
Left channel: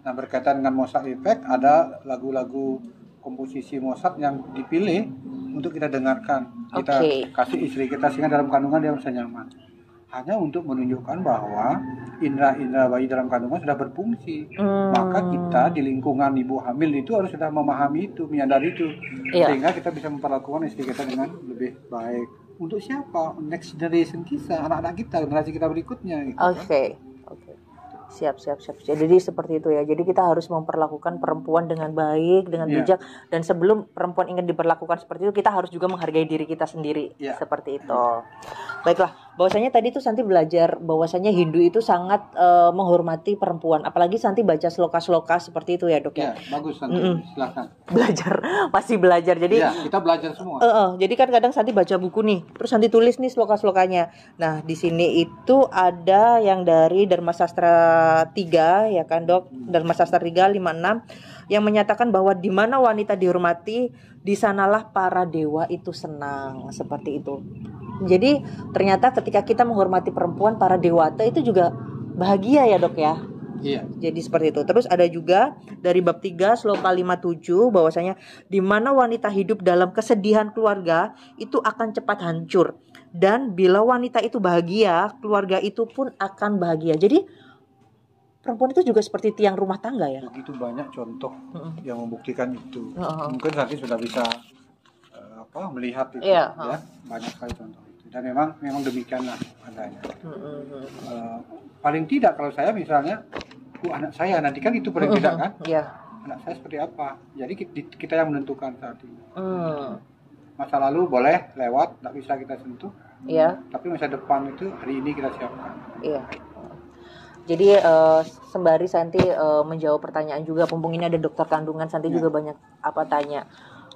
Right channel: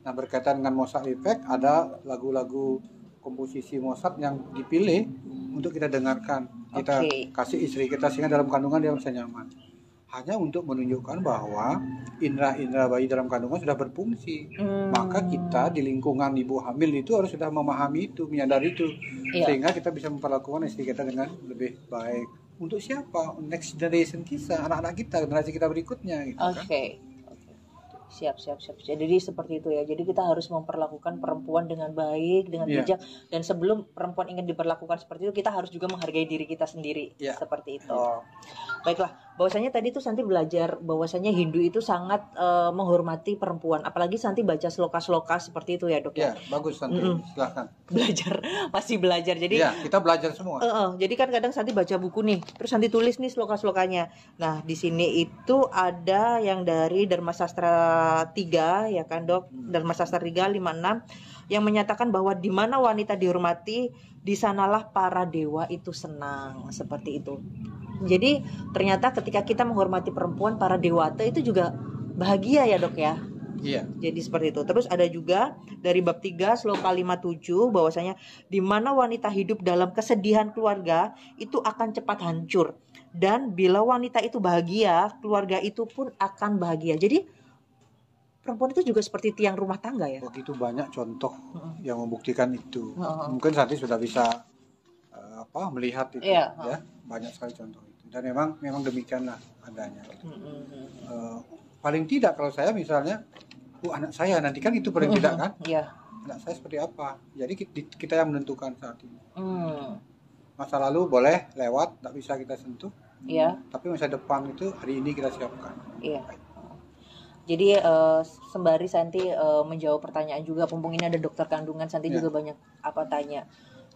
Nah, berkaitan dengan Mozart effect, ada lagu-lagu komposisi Mozart yang dipilih untuk kita dengarkan, kita kasih istri kita sehingga dalam kandungan dia bisa nyaman. Hanya untuk menunjukkan bahwa indera-indera bayi dalam kandungan sudah berfungsi. Maka kita di lingkungan ibu hamil itu harus sudah memahami itu, menyadari itu, sehingga kita bisa memperlakukan istri kita dengan lebih baik. Untuk siapa? Next generation kita, anak-anak kita, generasi kita berikutnya gitu. Siap. Jadi seperti itu ya. Jadi kita harus memperlakukan perempuan dengan baik, dengan bijak. Dan sebelum perempuan ingin diperlakukan seperti itu, kita harus juga menghargai diri kita sendiri. Seperti itu. Baiklah, bahwasanya tadi tuh Santi belajar bahwasanya Hindu itu sangat menghormati perempuan. Apalagi Santi baca sloka-sloka seperti itu ya dok ya. Bagus Santi, silakan. Masih belajar. Jadi kita belajar semua. Jadi kan kadang Santi baca buku nih, terus Santi tulis nih sloka-slokanya. Nah di sini itu ada yang dari Dharma Sastra 3 ya kan dok, Dharma Sastra 3 56 yang menyatakan bahwa di mana wanita dihormati, di sanalah para dewa itu senang, seperti itu. Jadi ternyata ketika kita menghormati perempuan, para dewata itu juga bahagia ya dok ya. Jadi seperti itu. Terus ada juga dari bab 3 sloka 57 bahwasanya di mana wanita hidup dalam kesedihan keluarga itu akan cepat hancur, dan bila wanita itu bahagia, keluarga itu pun akan bahagia. Jadi perempuan itu juga seperti tiang rumah tangga ya. Begitu banyak contoh yang membuktikan itu. Mungkin Santi sudah bisa melihat itu ya. Banyak sekali contoh itu. Dan memang demikianlah adanya. Paling tidak kalau saya misalnya, anak saya nanti kan itu paling tidak kan. anak saya seperti apa. Jadi kita yang menentukan saat ini. Masa lalu boleh lewat, nggak bisa kita sentuh. Iya. Tapi masa depan itu hari ini kita siapkan. Iya. Jadi sembari Santi menjawab pertanyaan juga, mumpung ini ada dokter kandungan, Santi juga banyak tanya.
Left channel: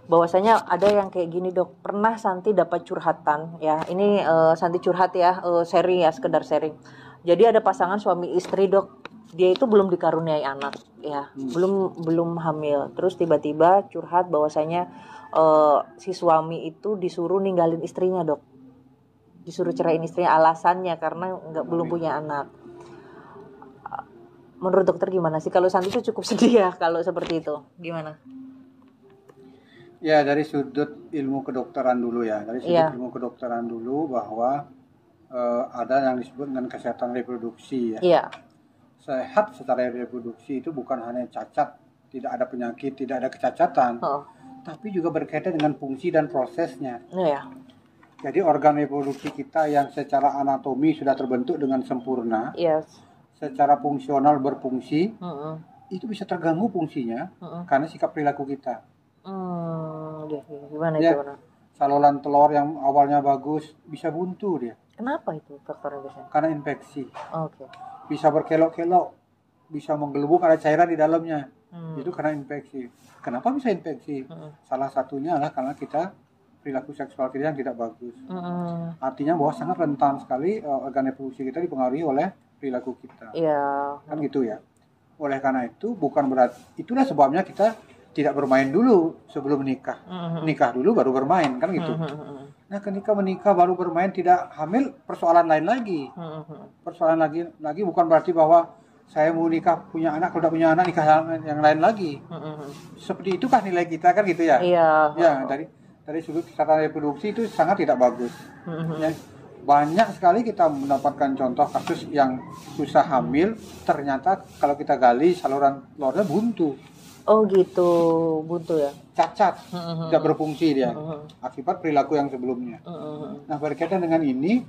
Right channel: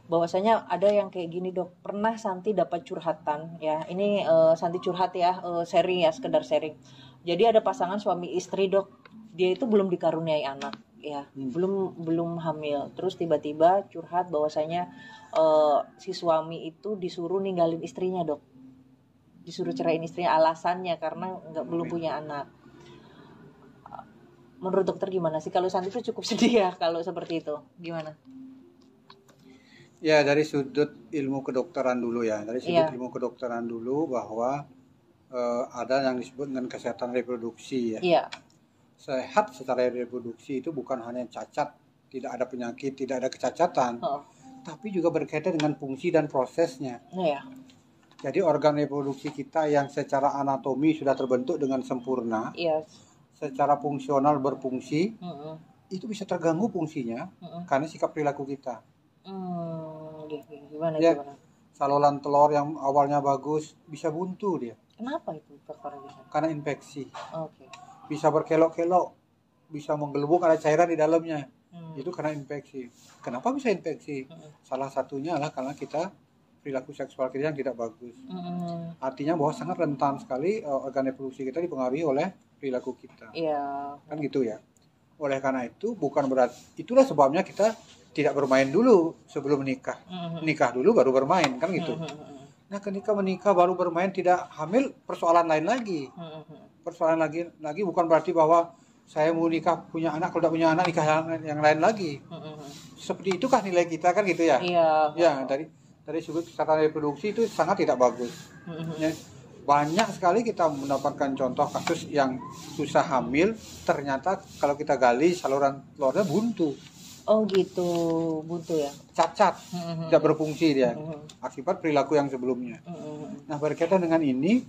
Bahwasanya ada yang kayak gini, Dok. Pernah Santi dapat curhatan ya. Ini Santi curhat ya, sharing ya, sekedar sharing. Jadi ada pasangan suami istri, Dok. Dia itu belum dikaruniai anak ya, belum hamil. Terus tiba-tiba curhat bahwasanya si suami itu disuruh ninggalin istrinya, Dok. Disuruh ceraiin istrinya, alasannya karena belum punya anak. Menurut dokter gimana sih? Kalau Santi itu cukup sedih ya kalau seperti itu. Gimana? Ya, dari sudut ilmu kedokteran dulu ya. Dari sudut ilmu kedokteran dulu bahwa ada yang disebut dengan kesehatan reproduksi ya. Iya. Sehat secara reproduksi itu bukan hanya cacat, tidak ada penyakit, tidak ada kecacatan, tapi juga berkaitan dengan fungsi dan prosesnya. Iya. Jadi organ reproduksi kita yang secara anatomi sudah terbentuk dengan sempurna, secara fungsional berfungsi, itu bisa terganggu fungsinya karena sikap perilaku kita. Gimana? Saluran telur yang awalnya bagus bisa buntu dia. Kenapa itu faktornya biasanya? Karena infeksi. Oke. Bisa berkelok-kelok, bisa menggelembung, ada cairan di dalamnya. Itu karena infeksi. Kenapa bisa infeksi? Salah satunya adalah karena kita perilaku seksual kita yang tidak bagus. Artinya bahwa sangat rentan sekali organ reproduksi kita dipengaruhi oleh perilaku kita. Iya. Kan gitu ya. Oleh karena itu bukan berarti, itulah sebabnya kita tidak bermain dulu sebelum menikah. Nikah dulu baru bermain, kan gitu. Nah, ketika menikah baru bermain tidak hamil, persoalan lain lagi. Persoalan lagi bukan berarti bahwa saya mau nikah punya anak, kalau tidak punya anak nikah yang lain lagi. Seperti itukah nilai kita, kan gitu ya? Iya. Ya, dari sudut kesehatan reproduksi itu sangat tidak bagus. Ya, banyak sekali kita mendapatkan contoh kasus yang susah hamil, ternyata kalau kita gali saluran telurnya buntu. Oh gitu, buntu ya? Cacat, tidak berfungsi dia, akibat perilaku yang sebelumnya. Nah, berkaitan dengan ini,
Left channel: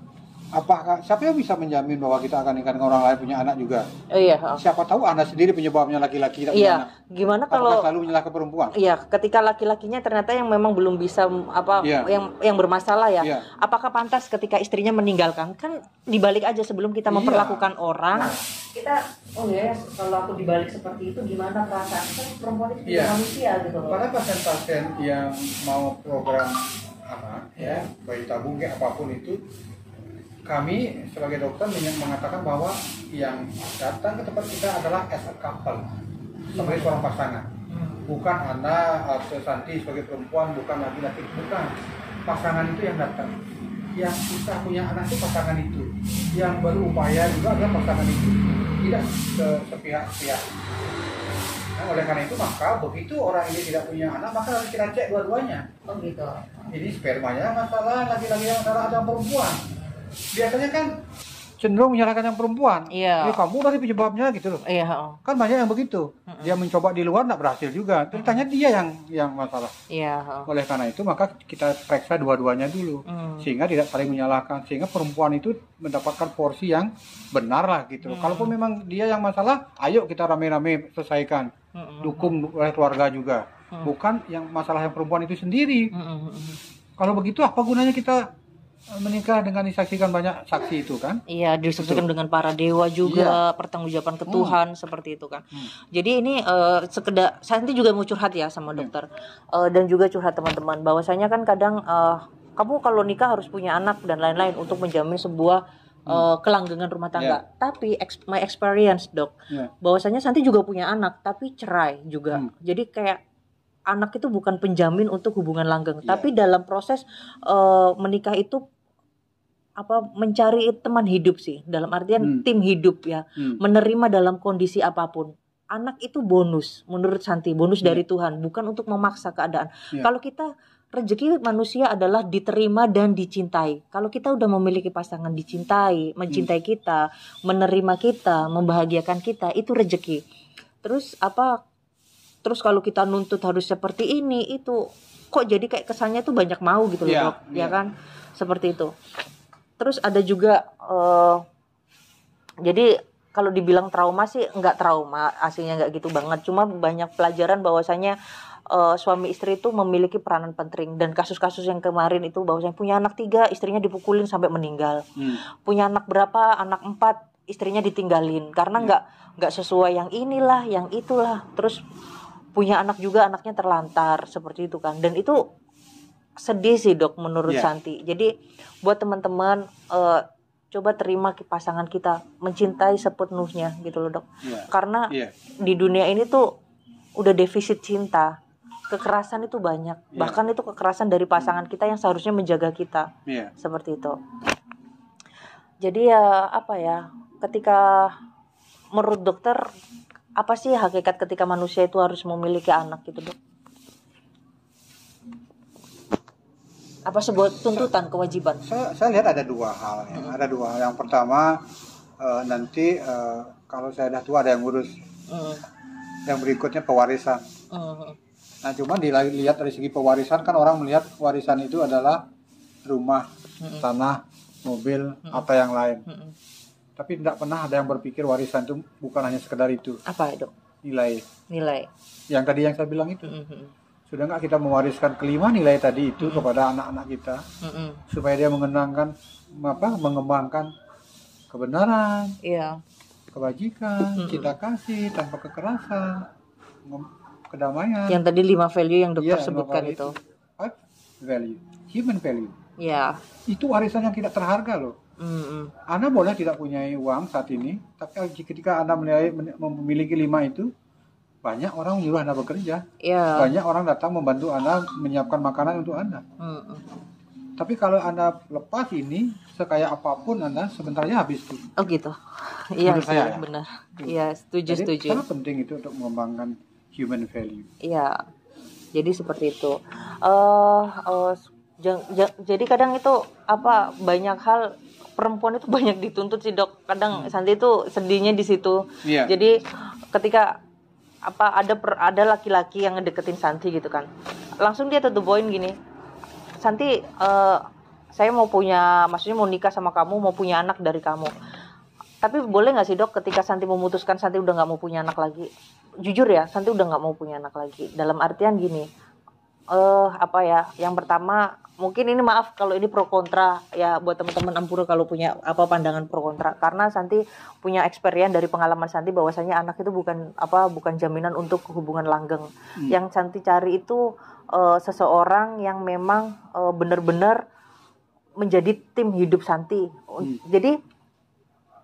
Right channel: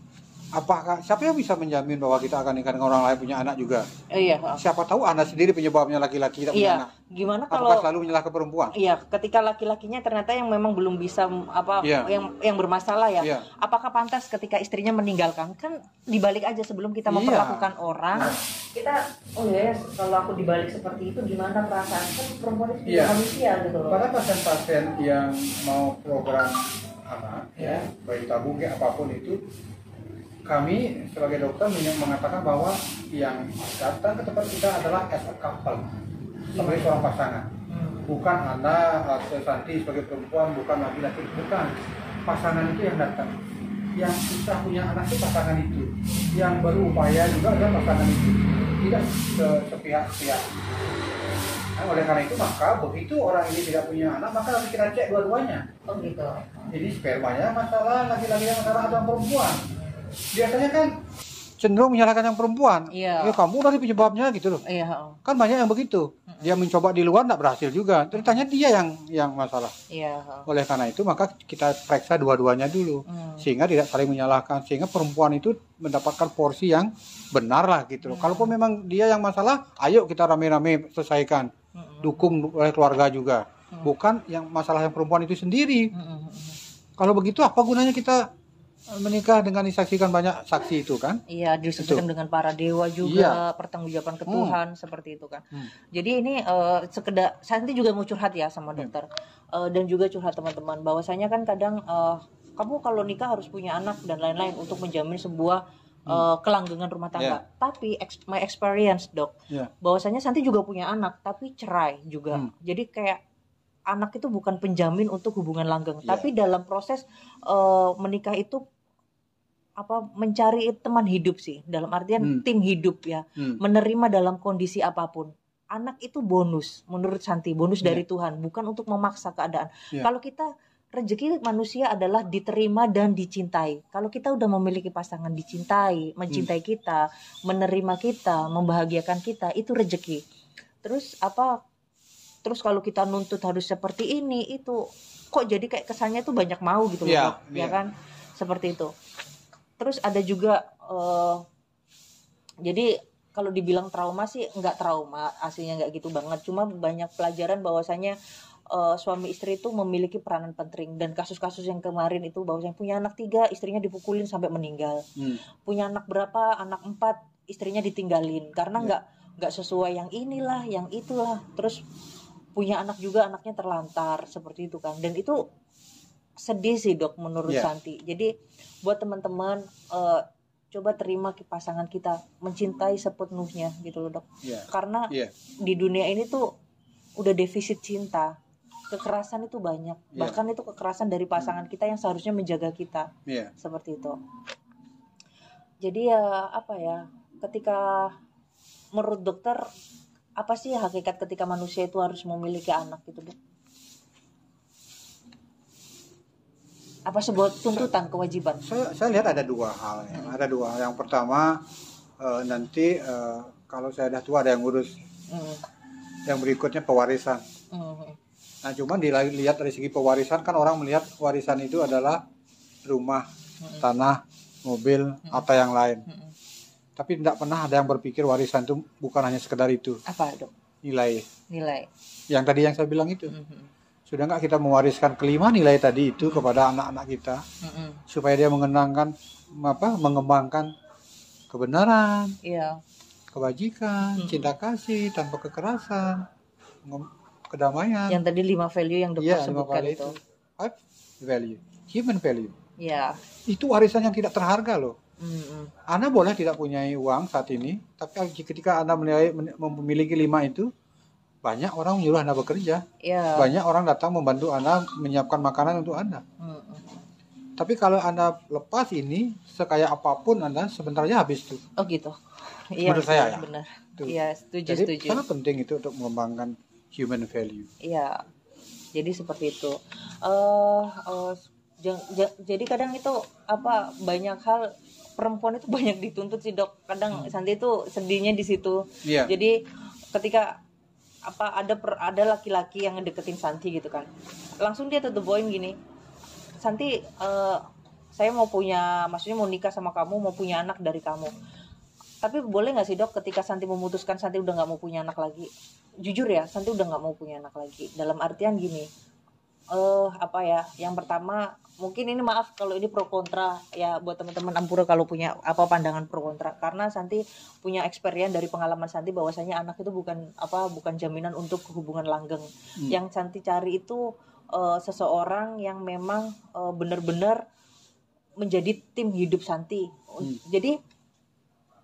apakah siapa yang bisa menjamin bahwa kita akan nikah dengan orang lain punya anak juga? Iya. Siapa tahu Anda sendiri penyebabnya laki-laki tidak punya anak. Gimana kalau apakah selalu menyalahkan perempuan? Iya, ketika laki-lakinya ternyata yang memang belum bisa yang bermasalah ya. Apakah pantas ketika istrinya meninggalkan? Kan dibalik aja sebelum kita memperlakukan orang, kita kalau aku dibalik seperti itu gimana perasaan? Kan perempuan itu juga manusia gitu loh. Para pasien-pasien yang mau program bayi tabung apapun itu, kami sebagai dokter mengatakan bahwa yang datang ke tempat kita adalah as a couple, sebagai seorang pasangan. Bukan Anda atau Santi sebagai perempuan, bukan laki-laki, bukan. Pasangan itu yang datang. Yang susah punya anak itu pasangan itu. Yang berupaya juga adalah pasangan itu. Tidak sepihak-pihak. Nah, oleh karena itu maka begitu orang ini tidak punya anak, maka harus kita cek dua-duanya. Oh gitu. Jadi spermanya masalah, laki-laki yang masalah atau perempuan. Biasanya kan cenderung menyalahkan yang perempuan. Iya. Kamu dari penyebabnya gitu loh. Iya. Kan banyak yang begitu. Dia mencoba di luar tidak berhasil juga. Ternyata dia yang masalah. Iya. Oleh karena itu maka kita periksa dua-duanya dulu, sehingga tidak saling menyalahkan, sehingga perempuan itu mendapatkan porsi yang benar lah gitu. Kalaupun memang dia yang masalah, ayo kita rame-rame selesaikan. Dukung oleh keluarga juga. Bukan yang masalah yang perempuan itu sendiri. Kalau begitu apa gunanya kita menikah dengan disaksikan banyak saksi itu kan? Iya, disaksikan dengan para dewa juga, pertanggungjawaban ke Tuhan seperti itu kan. Jadi ini sekedar Santi juga mau curhat ya sama dokter dan juga curhat teman-teman bahwasanya kan kadang kamu kalau nikah harus punya anak dan lain-lain untuk menjamin sebuah kelanggengan rumah tangga. Tapi my experience dok, bahwasanya Santi juga punya anak tapi cerai juga. Jadi kayak anak itu bukan penjamin untuk hubungan langgeng, tapi dalam proses menikah itu mencari teman hidup sih, dalam artian tim hidup ya, menerima dalam kondisi apapun. Anak itu bonus menurut Santi, bonus dari Tuhan, bukan untuk memaksa keadaan. Kalau kita rezeki manusia adalah diterima dan dicintai. Kalau kita udah memiliki pasangan dicintai, mencintai kita, menerima kita, membahagiakan kita, itu rezeki. Terus kalau kita nuntut harus seperti ini, itu kok jadi kayak kesannya tuh banyak mau gitu loh, Dok. Ya kan? Seperti itu. Terus ada juga jadi kalau dibilang trauma sih nggak trauma, aslinya nggak gitu banget. Cuma banyak pelajaran bahwasanya suami istri itu memiliki peranan penting, dan kasus-kasus yang kemarin itu bahwasanya punya anak 3, istrinya dipukulin sampai meninggal. Punya anak berapa, anak 4, istrinya ditinggalin karena nggak sesuai yang inilah, yang itulah. Terus punya anak juga, anaknya terlantar seperti itu kan. Dan itu sedih sih dok menurut Santi. Jadi buat teman-teman coba terima pasangan kita, mencintai sepenuhnya gitu loh dok. Karena di dunia ini tuh udah defisit cinta. Kekerasan itu banyak, bahkan itu kekerasan dari pasangan kita yang seharusnya menjaga kita, seperti itu. Jadi ya apa ya, ketika menurut dokter apa sih hakikat ketika manusia itu harus memiliki anak gitu dok? Apa sebuah tuntutan, kewajiban? Saya lihat ada 2 hal ya. Ada 2 hal. Yang pertama nanti kalau saya dah tua ada yang ngurus. Yang berikutnya pewarisan. Nah, cuma dilihat dari segi pewarisan kan orang melihat warisan itu adalah rumah, tanah, mobil atau yang lain. Tapi tidak pernah ada yang berpikir warisan itu bukan hanya sekedar itu. Apa itu? Nilai. Yang tadi yang saya bilang itu. Sudah nggak kita mewariskan kelima nilai tadi itu kepada anak-anak kita, supaya dia mengembangkan kebenaran, kebajikan, cinta kasih tanpa kekerasan, kedamaian. Yang tadi 5 value yang dokter sebutkan itu. 5 value, human value. Itu warisan yang tidak terharga loh. Anda boleh tidak punya uang saat ini, tapi ketika Anda memiliki 5 itu, banyak orang menyuruh Anda bekerja. Banyak orang datang membantu Anda menyiapkan makanan untuk Anda. Tapi kalau Anda lepas ini, sekaya apapun Anda, sebentarnya habis tuh. Oh gitu. Iya, menurut saya benar. Iya, setuju. Sangat penting itu untuk mengembangkan human value. Iya. Jadi seperti itu. Jadi kadang itu banyak hal, perempuan itu banyak dituntut sih dok. Kadang Santi itu sedihnya di situ. Jadi ketika ada laki-laki yang ngedeketin Santi gitu kan, langsung dia to the point gini, Santi, saya maksudnya mau nikah sama kamu, mau punya anak dari kamu. Tapi boleh nggak sih dok, ketika Santi memutuskan Santi udah nggak mau punya anak lagi, jujur ya, Santi udah nggak mau punya anak lagi. Dalam artian gini, yang pertama, mungkin ini maaf kalau ini pro kontra ya, buat teman-teman Ampura kalau punya pandangan pro kontra, karena Santi punya experience dari pengalaman Santi bahwasanya anak itu bukan jaminan untuk hubungan langgeng. Yang Santi cari itu seseorang yang memang benar-benar menjadi tim hidup Santi. Jadi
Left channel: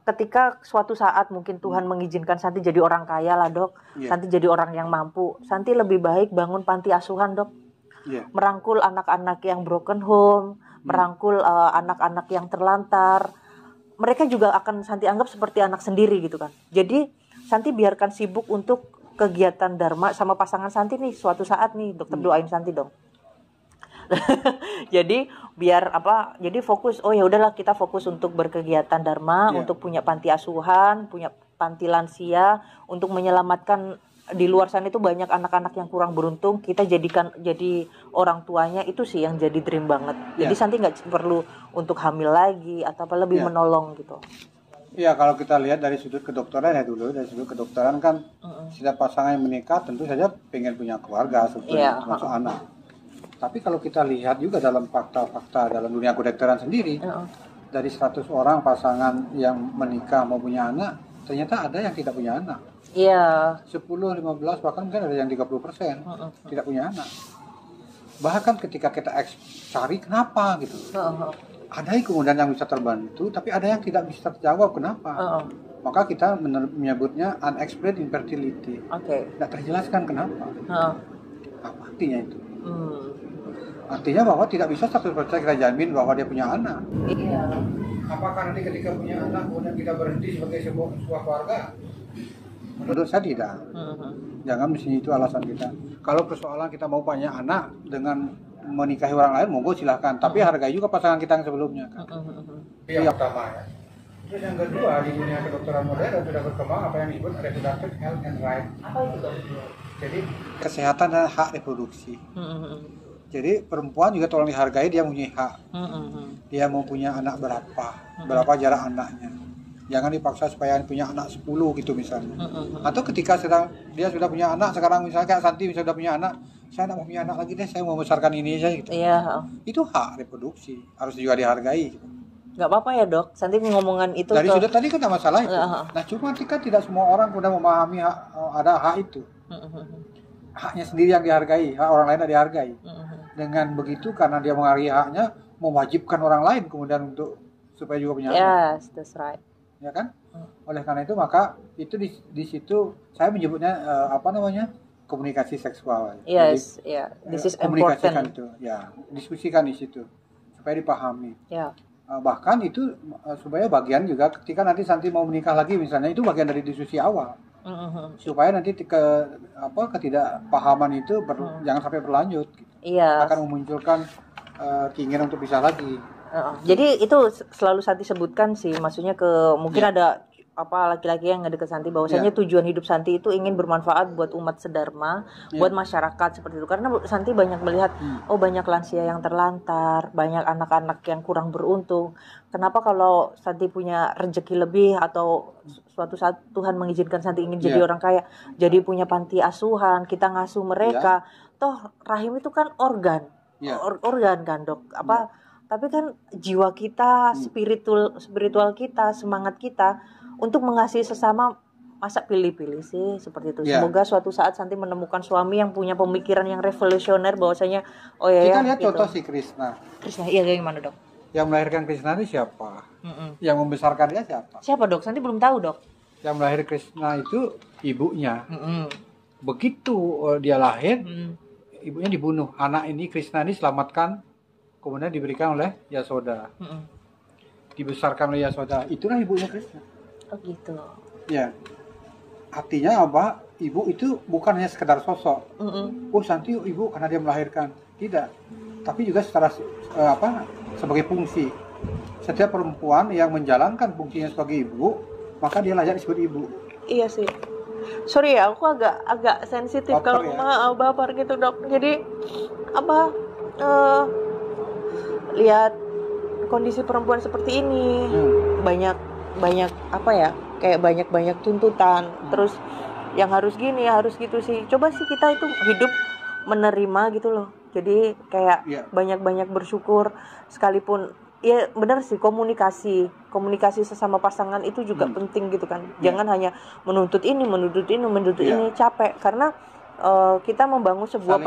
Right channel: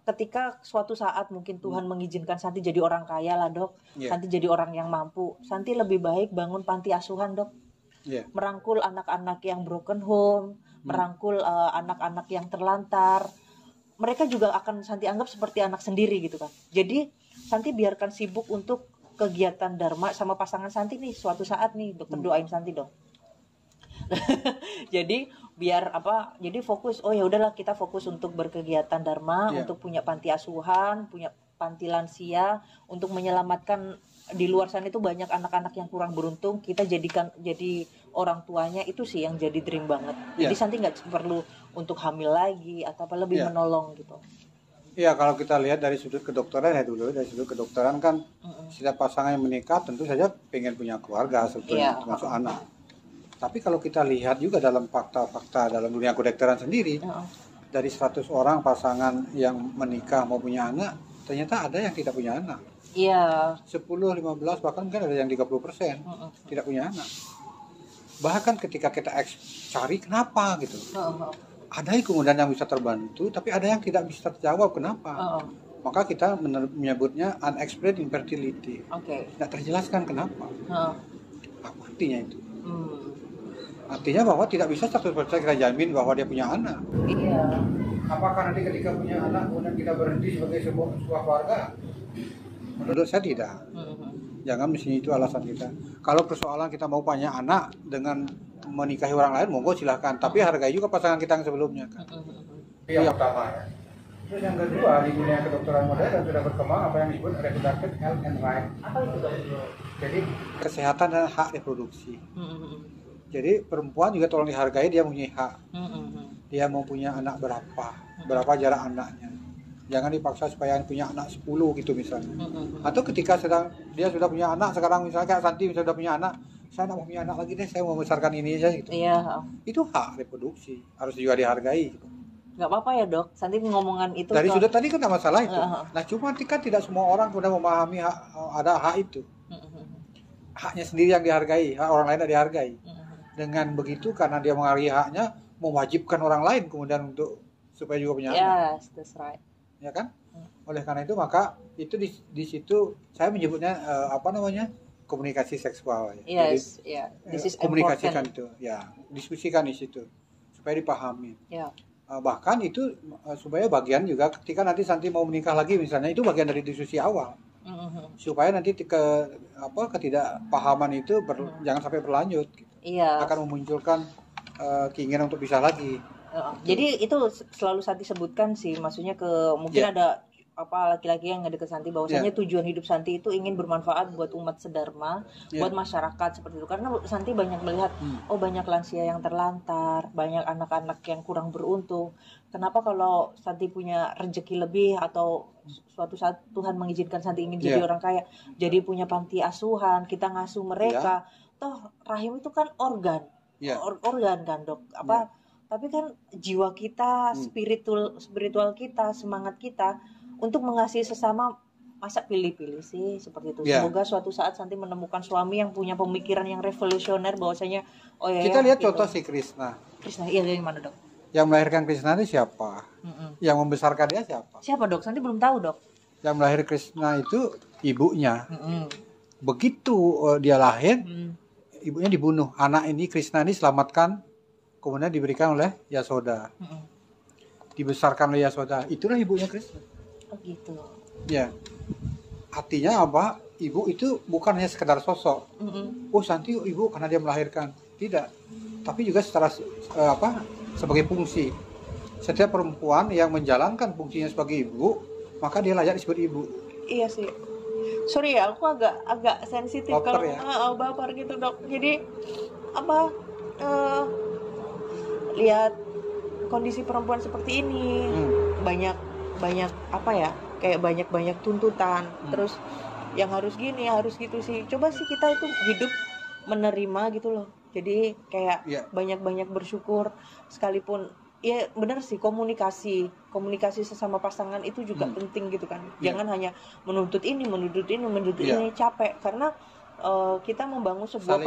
ketika suatu saat mungkin Tuhan mengizinkan Santi jadi orang kaya lah dok, Santi jadi orang yang mampu, Santi lebih baik bangun panti asuhan dok. Merangkul anak-anak yang broken home, merangkul anak-anak yang terlantar. Mereka juga akan Santi anggap seperti anak sendiri gitu kan. Jadi Santi biarkan sibuk untuk kegiatan dharma sama pasangan Santi nih suatu saat nih, dokter doain Santi dong. Jadi jadi fokus, ya udahlah kita fokus untuk berkegiatan dharma, untuk punya panti asuhan, punya panti lansia, untuk menyelamatkan di luar sana itu banyak anak-anak yang kurang beruntung, kita jadi orang tuanya, itu sih yang jadi dream banget. Jadi Santi nggak perlu untuk hamil lagi atau lebih menolong gitu. Iya, kalau kita lihat dari sudut kedokteran ya dulu, dari sudut kedokteran kan setiap pasangan yang menikah tentu saja pengen punya keluarga, termasuk anak. Tapi kalau kita lihat juga dalam fakta-fakta dalam dunia kedokteran sendiri, dari 100 orang pasangan yang menikah mau punya anak, ternyata ada yang tidak punya anak. 10, 15, bahkan mungkin ada yang 30% tidak punya anak. Bahkan ketika kita cari kenapa gitu, ada yang kemudian yang bisa terbantu, tapi ada yang tidak bisa terjawab kenapa. Maka kita menyebutnya unexplained infertility. Tidak terjelaskan kenapa. Apa artinya itu? Artinya bahwa tidak bisa 100% kita jamin bahwa dia punya anak. Apakah nanti ketika punya anak kemudian kita berhenti sebagai sebuah keluarga? Menurut saya tidak. Jangan mesti itu alasan kita. Kalau persoalan kita mau punya anak dengan menikahi orang lain, monggo silahkan. Tapi hargai juga pasangan kita yang sebelumnya. Itu yang pertama ya. Terus yang kedua, di dunia kedokteran modern sudah berkembang apa yang disebut reproductive health and right. Apa itu dok? Jadi kesehatan dan hak reproduksi. Jadi perempuan juga tolong dihargai, dia mempunyai hak. Dia mau punya anak berapa jarak anaknya. Jangan dipaksa supaya punya anak 10 gitu misalnya. Atau ketika dia sudah punya anak, sekarang misalnya kayak Santi sudah punya anak, saya tidak mau punya anak lagi deh, saya mau membesarkan ini aja gitu. Iya. Itu hak reproduksi, harus juga dihargai gitu. Nggak apa-apa ya dok, Santi ngomongan itu dari sudut tadi kan tidak masalah itu. Nah cuma kan tidak semua orang sudah memahami ada hak itu. Haknya sendiri yang dihargai, hak orang lain tidak dihargai. Dengan begitu karena dia menghargai haknya, mewajibkan orang lain kemudian untuk supaya juga punya anak. Yes, that's right. Ya kan? Oleh karena itu maka itu di situ saya menyebutnya komunikasi seksual. Yes, ya. This is komunikasikan important. itu, ya, diskusikan di situ supaya dipahami. Ya. Bahkan itu supaya bagian juga ketika nanti Santi mau menikah lagi misalnya, itu bagian dari diskusi awal. Supaya nanti ketidakpahaman itu jangan sampai berlanjut gitu. Iya. Akan memunculkan keinginan untuk pisah lagi. Jadi itu selalu Santi sebutkan sih, maksudnya mungkin ada laki-laki yang ngedeket Santi bahwasanya tujuan hidup Santi itu ingin bermanfaat buat umat sedharma, buat masyarakat seperti itu. Karena Santi banyak melihat banyak lansia yang terlantar, banyak anak-anak yang kurang beruntung. Kenapa kalau Santi punya rezeki lebih atau suatu saat Tuhan mengizinkan Santi ingin jadi orang kaya, jadi punya panti asuhan, kita ngasuh mereka. Toh rahim itu kan organ. Organ kan, Dok. Tapi kan jiwa kita, spiritual kita, semangat kita untuk mengasihi sesama, masa pilih-pilih sih seperti itu. Semoga suatu saat Santi menemukan suami yang punya pemikiran yang revolusioner bahwasanya kita lihat gitu. Contoh si Krishna. Iya gimana dok? Yang melahirkan Krishna itu siapa? Yang membesarkan dia siapa? Siapa dok? Santi belum tahu dok. Yang melahirkan Krishna itu ibunya. Begitu dia lahir, ibunya dibunuh. Anak ini Krishna ini selamatkan, kemudian diberikan oleh Yasoda. Dibesarkan oleh Yasoda. Itulah ibunya Krishna. Oh gitu. Ya. Artinya apa? Ibu itu bukan hanya sekedar sosok. Santi ibu karena dia melahirkan. Tidak. Tapi juga secara sebagai fungsi. Setiap perempuan yang menjalankan fungsinya sebagai ibu, maka dia layak disebut ibu. Iya sih. Sorry ya, aku agak sensitif kalau baper gitu dok. Jadi lihat kondisi perempuan seperti ini, banyak kayak banyak tuntutan, terus yang harus gini, harus gitu sih. Coba sih kita itu hidup menerima gitu loh. Jadi kayak banyak bersyukur, sekalipun ya benar sih, komunikasi sesama pasangan itu juga penting gitu kan. Jangan hanya menuntut ini, capek karena kita membangun sebuah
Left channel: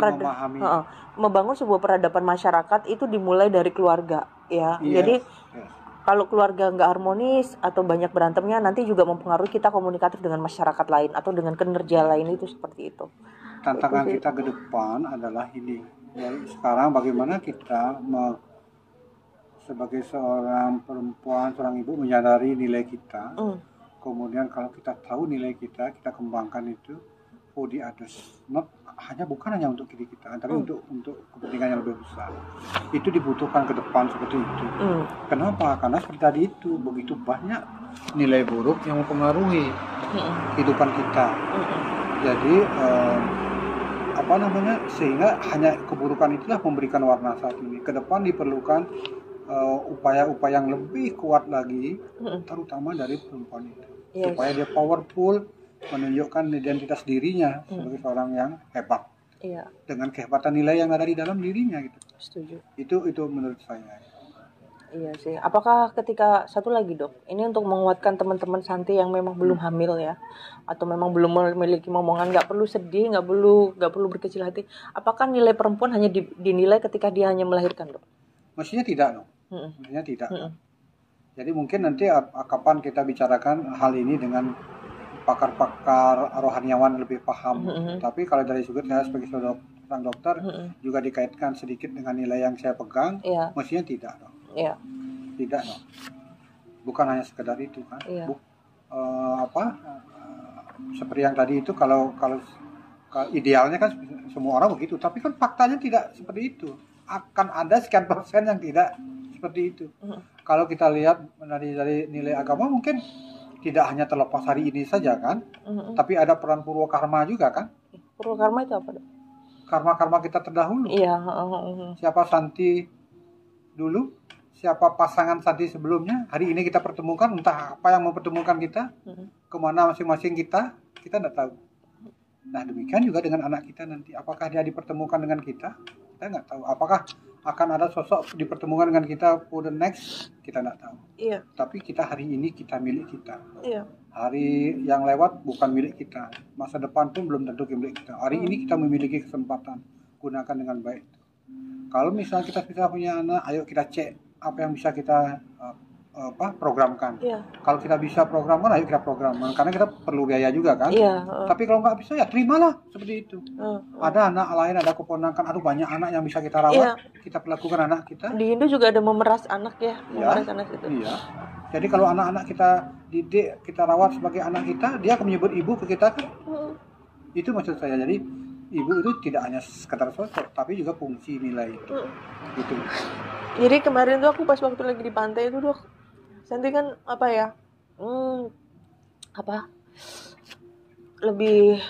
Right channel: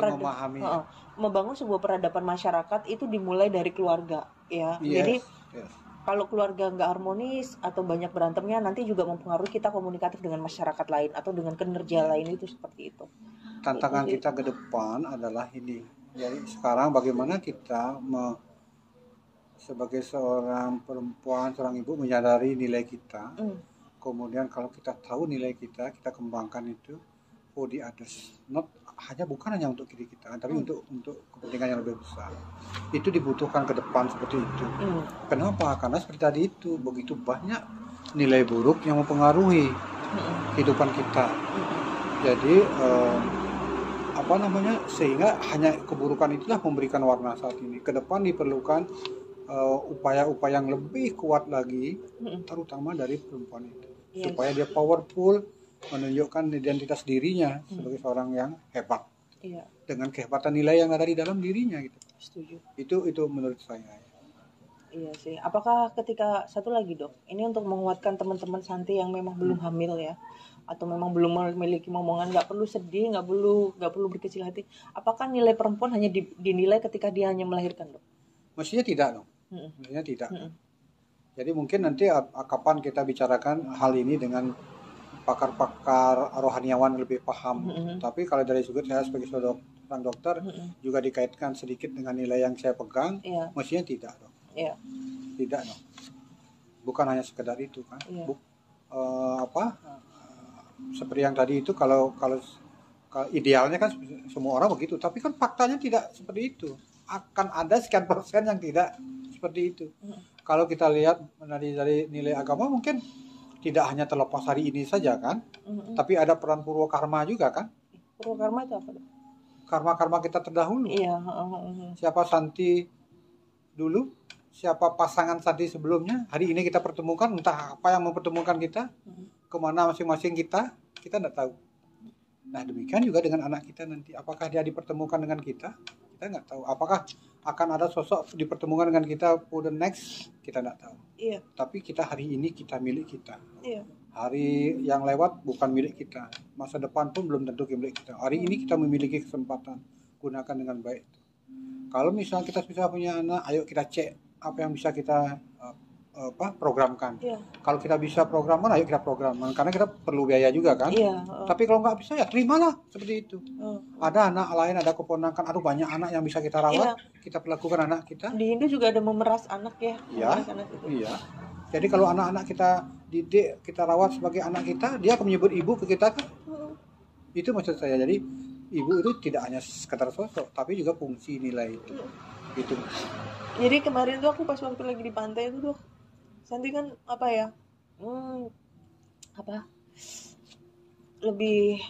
peradaban masyarakat itu dimulai dari keluarga ya. Jadi kalau keluarga nggak harmonis atau banyak berantemnya, nanti juga mempengaruhi kita komunikatif dengan masyarakat lain atau dengan kinerja lain, itu seperti itu. Tantangan kita ke depan adalah ini. Jadi sekarang bagaimana kita sebagai seorang perempuan, seorang ibu menyadari nilai kita. Kemudian kalau kita tahu nilai kita kembangkan itu for the others. Bukan hanya untuk diri kita, tapi untuk kepentingan yang lebih besar. Itu dibutuhkan ke depan seperti itu. Kenapa? Karena seperti tadi itu, begitu banyak nilai buruk yang mempengaruhi kehidupan kita. Jadi sehingga hanya keburukan itulah memberikan warna saat ini. Ke depan diperlukan upaya-upaya yang lebih kuat lagi, terutama dari perempuan itu, supaya dia powerful, menunjukkan identitas dirinya sebagai seorang yang hebat, dengan kehebatan nilai yang ada di dalam dirinya gitu. Setuju. Itu menurut saya. Iya sih. Apakah ketika satu lagi dok, ini untuk menguatkan teman-teman Santi yang memang belum hamil ya, atau memang belum memiliki momongan, nggak perlu sedih, nggak perlu berkecil hati. Apakah nilai perempuan hanya dinilai ketika dia hanya melahirkan dok? Mestinya tidak dong. Mestinya tidak. Jadi mungkin nanti kapan kita bicarakan hal ini dengan pakar-pakar rohaniawan lebih paham. Tapi kalau dari sudut saya sebagai seorang dokter juga dikaitkan sedikit dengan nilai yang saya pegang, mestinya tidak dong. Tidak dong. Bukan hanya sekedar itu kan. Seperti yang tadi itu kalau idealnya kan semua orang begitu, tapi kan faktanya tidak seperti itu. Akan ada sekian persen yang tidak seperti itu. Kalau kita lihat dari nilai agama mungkin tidak hanya terlepas hari ini saja kan, tapi ada peran purwakarma juga kan. Purwakarma itu apa? Karma kita terdahulu. Siapa Santi dulu, siapa pasangan Santi sebelumnya, hari ini kita pertemukan, entah apa yang mempertemukan kita, kemana masing-masing kita tidak tahu. Nah demikian juga dengan anak kita nanti, apakah dia dipertemukan dengan kita nggak tahu. Apakah akan ada sosok dipertemukan dengan kita for the next, kita nggak tahu. Iya. Tapi kita hari ini kita milik kita. Iya. Hari yang lewat bukan milik kita, masa depan pun belum tentu milik kita. Hari ini kita memiliki kesempatan, gunakan dengan baik. Kalau misalnya kita bisa punya anak, ayo kita cek apa yang bisa kita programkan. Iya. Kalau kita bisa programkan, ayo kita programkan. Karena kita perlu biaya juga kan. Iya. Tapi kalau nggak bisa ya terimalah seperti itu. Ada anak lain, ada keponakan, aduh banyak anak yang bisa kita rawat. Iya. Kita perlakukan anak kita. Di Indo juga ada memeras anak ya, memeras anak itu. Iya. Jadi kalau anak-anak kita didik, kita rawat sebagai anak kita, dia akan menyebut ibu ke kita kan. Itu maksud saya. Jadi ibu itu tidak hanya sekedar sosok, tapi juga fungsi nilai itu. Gitu. Jadi kemarin tuh aku pas waktu lagi di pantai itu Dok, Santi kan lebih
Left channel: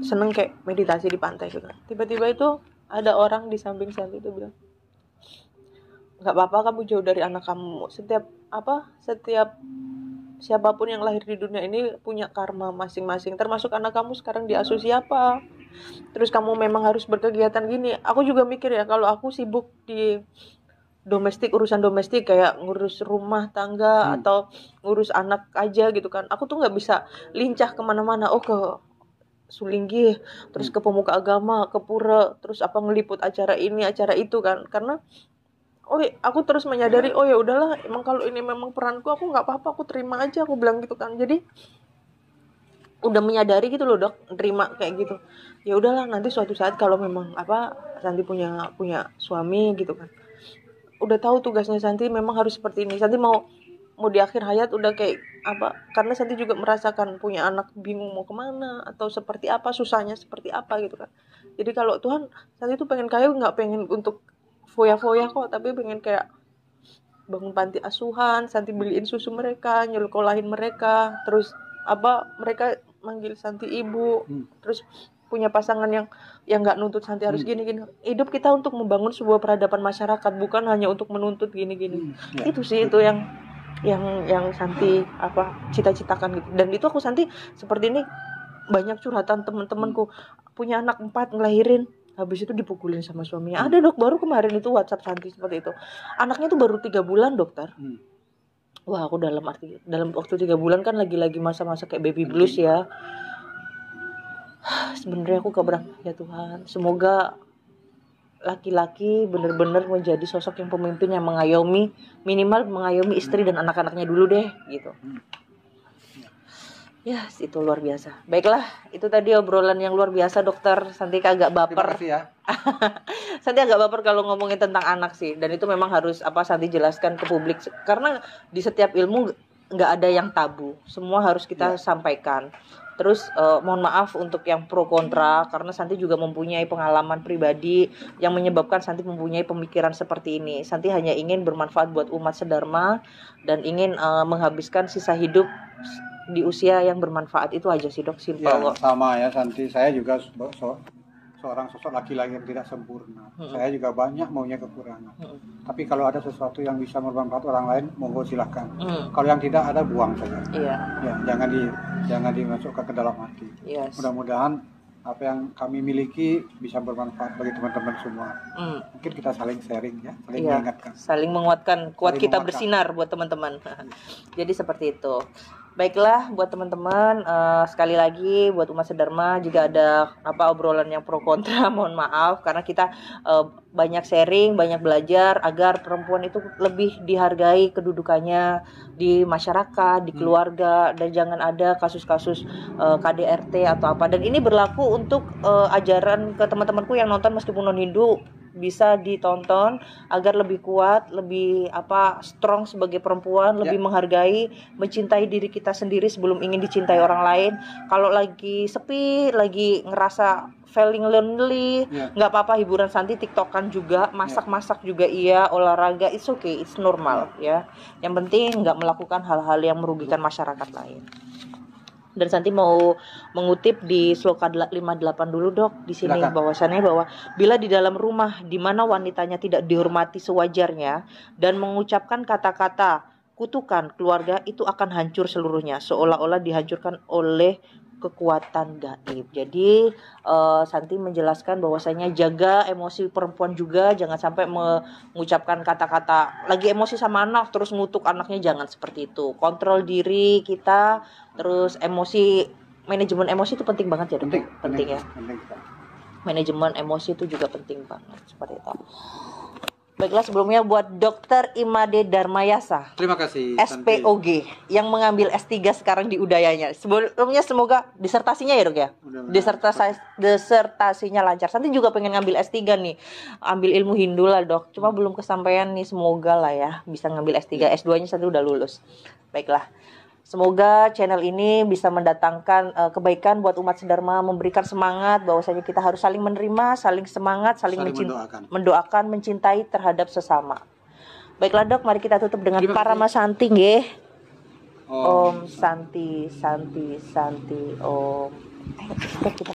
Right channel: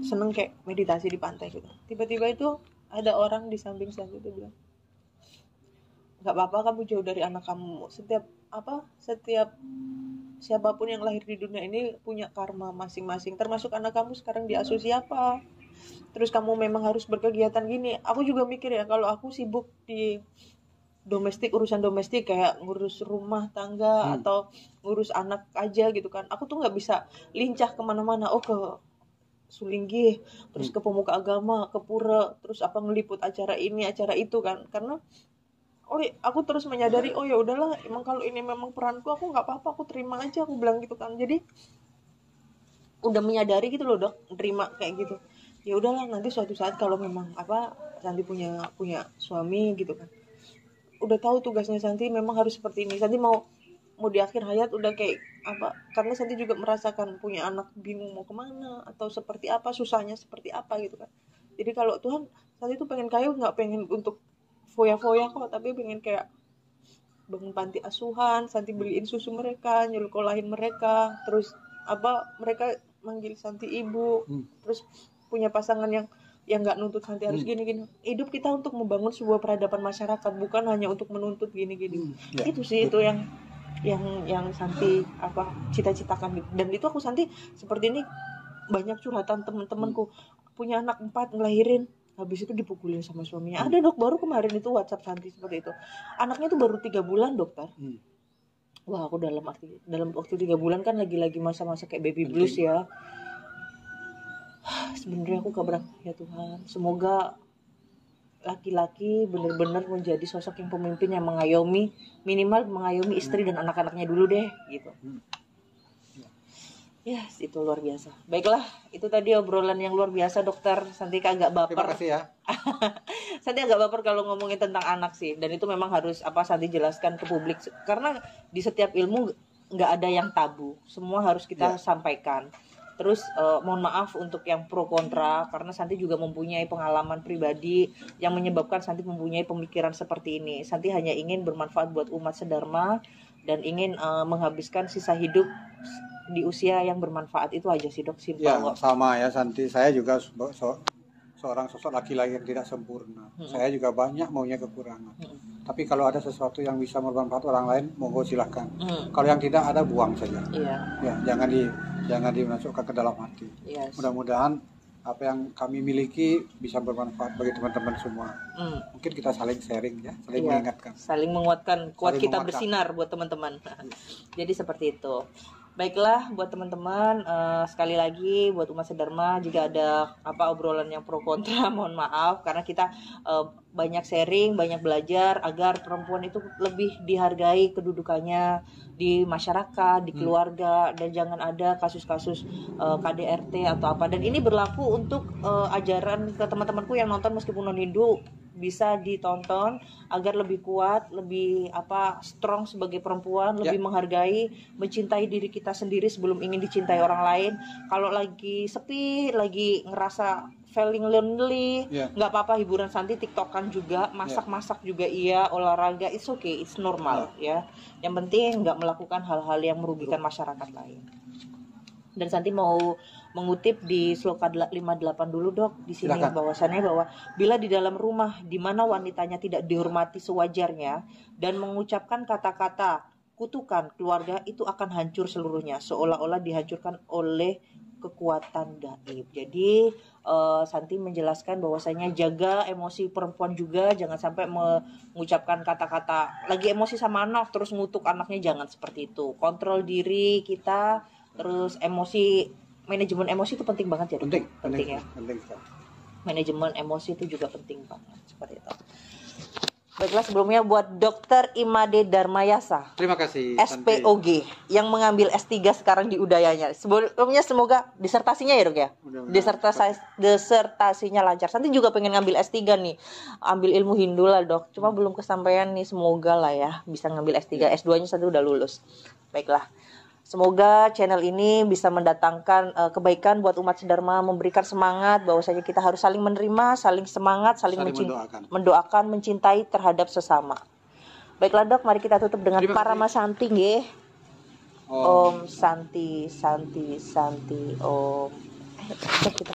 seneng kayak meditasi di pantai gitu. Tiba-tiba itu ada orang di samping Santi itu bilang, nggak apa-apa kamu jauh dari anak kamu. Setiap siapapun yang lahir di dunia ini punya karma masing-masing. Termasuk anak kamu sekarang diasuh siapa. Terus kamu memang harus berkegiatan gini. Aku juga mikir ya, kalau aku sibuk di urusan domestik kayak ngurus rumah tangga atau ngurus anak aja gitu kan, aku tuh nggak bisa lincah kemana-mana. Ke Sulinggi, terus ke pemuka agama, ke pura, terus ngeliput acara ini acara itu kan, karena aku terus menyadari ya udahlah, emang kalau ini memang peranku, aku nggak apa-apa, aku terima aja, aku bilang gitu kan. Jadi udah menyadari gitu loh Dok, terima kayak gitu. Ya udahlah, nanti suatu saat kalau memang Santi punya suami gitu kan, udah tahu tugasnya Santi memang harus seperti ini. Santi mau di akhir hayat udah kayak karena Santi juga merasakan punya anak bingung mau kemana atau seperti apa, susahnya seperti apa gitu kan. Jadi kalau Tuhan, Santi tuh pengen kaya, nggak pengen untuk foya-foya kok, tapi pengen kayak bangun panti asuhan, Santi beliin susu mereka, nyelokolahin mereka, terus mereka manggil Santi ibu, terus punya pasangan yang nggak nuntut Santi harus gini-gini. Hidup kita untuk membangun sebuah peradaban masyarakat, bukan hanya untuk menuntut gini-gini. Itu sih, itu yang Santi cita-citakan gitu. Dan itu Santi seperti ini, banyak curhatan teman-temanku punya anak 4 ngelahirin, habis itu dipukulin sama suaminya. Ada Dok, baru kemarin itu WhatsApp Santi seperti itu. Anaknya tuh baru 3 bulan Dokter. Wah, aku dalam waktu 3 bulan kan lagi-lagi masa-masa kayak baby blues ya. Sebenarnya aku keberatan ya Tuhan, semoga laki-laki benar-benar menjadi sosok yang pemimpin yang mengayomi, minimal mengayomi istri dan anak-anaknya dulu deh gitu. Ya, itu luar biasa. Baiklah, itu tadi obrolan yang luar biasa Dokter. Santi agak baper. Terima kasih ya. Santi agak baper kalau ngomongin tentang anak sih, dan itu memang harus Santi jelaskan ke publik, karena di setiap ilmu nggak ada yang tabu, semua harus kita sampaikan. Terus mohon maaf untuk yang pro kontra, karena Santi juga mempunyai pengalaman pribadi yang menyebabkan Santi mempunyai pemikiran seperti ini. Santi hanya ingin bermanfaat buat umat sedharma dan ingin menghabiskan sisa hidup di usia yang bermanfaat. Itu aja sih Dok, simpel kok. Sama ya Santi, saya juga seorang sosok laki-laki yang tidak sempurna. Saya juga banyak maunya kekurangan. Tapi kalau ada sesuatu yang bisa bermanfaat orang lain, monggo silahkan. Kalau yang tidak ada, buang saja. Ya, jangan dimasukkan ke dalam hati. Mudah-mudahan apa yang kami miliki bisa bermanfaat bagi teman-teman semua. Mungkin kita saling sharing ya, saling mengingatkan. Saling menguatkan, kita bersinar buat teman-teman. Jadi seperti itu. Baiklah buat teman-teman, sekali lagi buat umat sedharma, jika ada obrolan yang pro kontra, mohon maaf, karena kita banyak sharing, banyak belajar agar perempuan itu lebih dihargai kedudukannya di masyarakat, di keluarga, dan jangan ada kasus-kasus KDRT atau apa. Dan ini berlaku untuk ajaran ke teman-temanku yang nonton meskipun non Hindu, bisa ditonton agar lebih kuat, lebih strong sebagai perempuan, lebih menghargai, mencintai diri kita sendiri sebelum ingin dicintai orang lain. Kalau lagi sepi, lagi ngerasa feeling lonely, nggak apa-apa, hiburan Santi TikTokan juga, masak-masak juga olahraga, it's okay, it's normal ya. Yang penting nggak melakukan hal-hal yang merugikan masyarakat lain. Dan Santi mau mengutip di Sloka 58 dulu dok. Di sini bahwasannya bahwa bila di dalam rumah di mana wanitanya tidak dihormati sewajarnya dan mengucapkan kata-kata kutukan keluarga, itu akan hancur seluruhnya, seolah-olah dihancurkan oleh kekuatan gaib. Jadi Santi menjelaskan bahwasanya jaga emosi perempuan juga, jangan sampai mengucapkan kata-kata lagi emosi sama anak terus ngutuk anaknya, jangan seperti itu. Kontrol diri kita, terus emosi, manajemen emosi itu penting banget ya dok. Penting ya. Manajemen emosi itu juga penting banget, seperti itu. Baiklah, sebelumnya buat Dr. Imade Darmayasa, terima kasih SPOG, yang mengambil S3 sekarang di Udayanya. Sebelumnya semoga disertasinya ya dok ya, disertasinya lancar. Santi juga pengen ngambil S3 nih, ambil ilmu Hindu lah dok, cuma belum kesampaian nih, semoga lah ya bisa ngambil S3, S2 nya Santi udah lulus. Baiklah, semoga channel ini bisa mendatangkan kebaikan buat umat sedharma, memberikan semangat bahwasanya kita harus saling menerima, saling semangat, saling mendoakan, mencintai terhadap sesama. Baiklah dok, mari kita tutup dengan Parama Santi nggih. Om Santi Santi Santi Om. Ayo cek kita.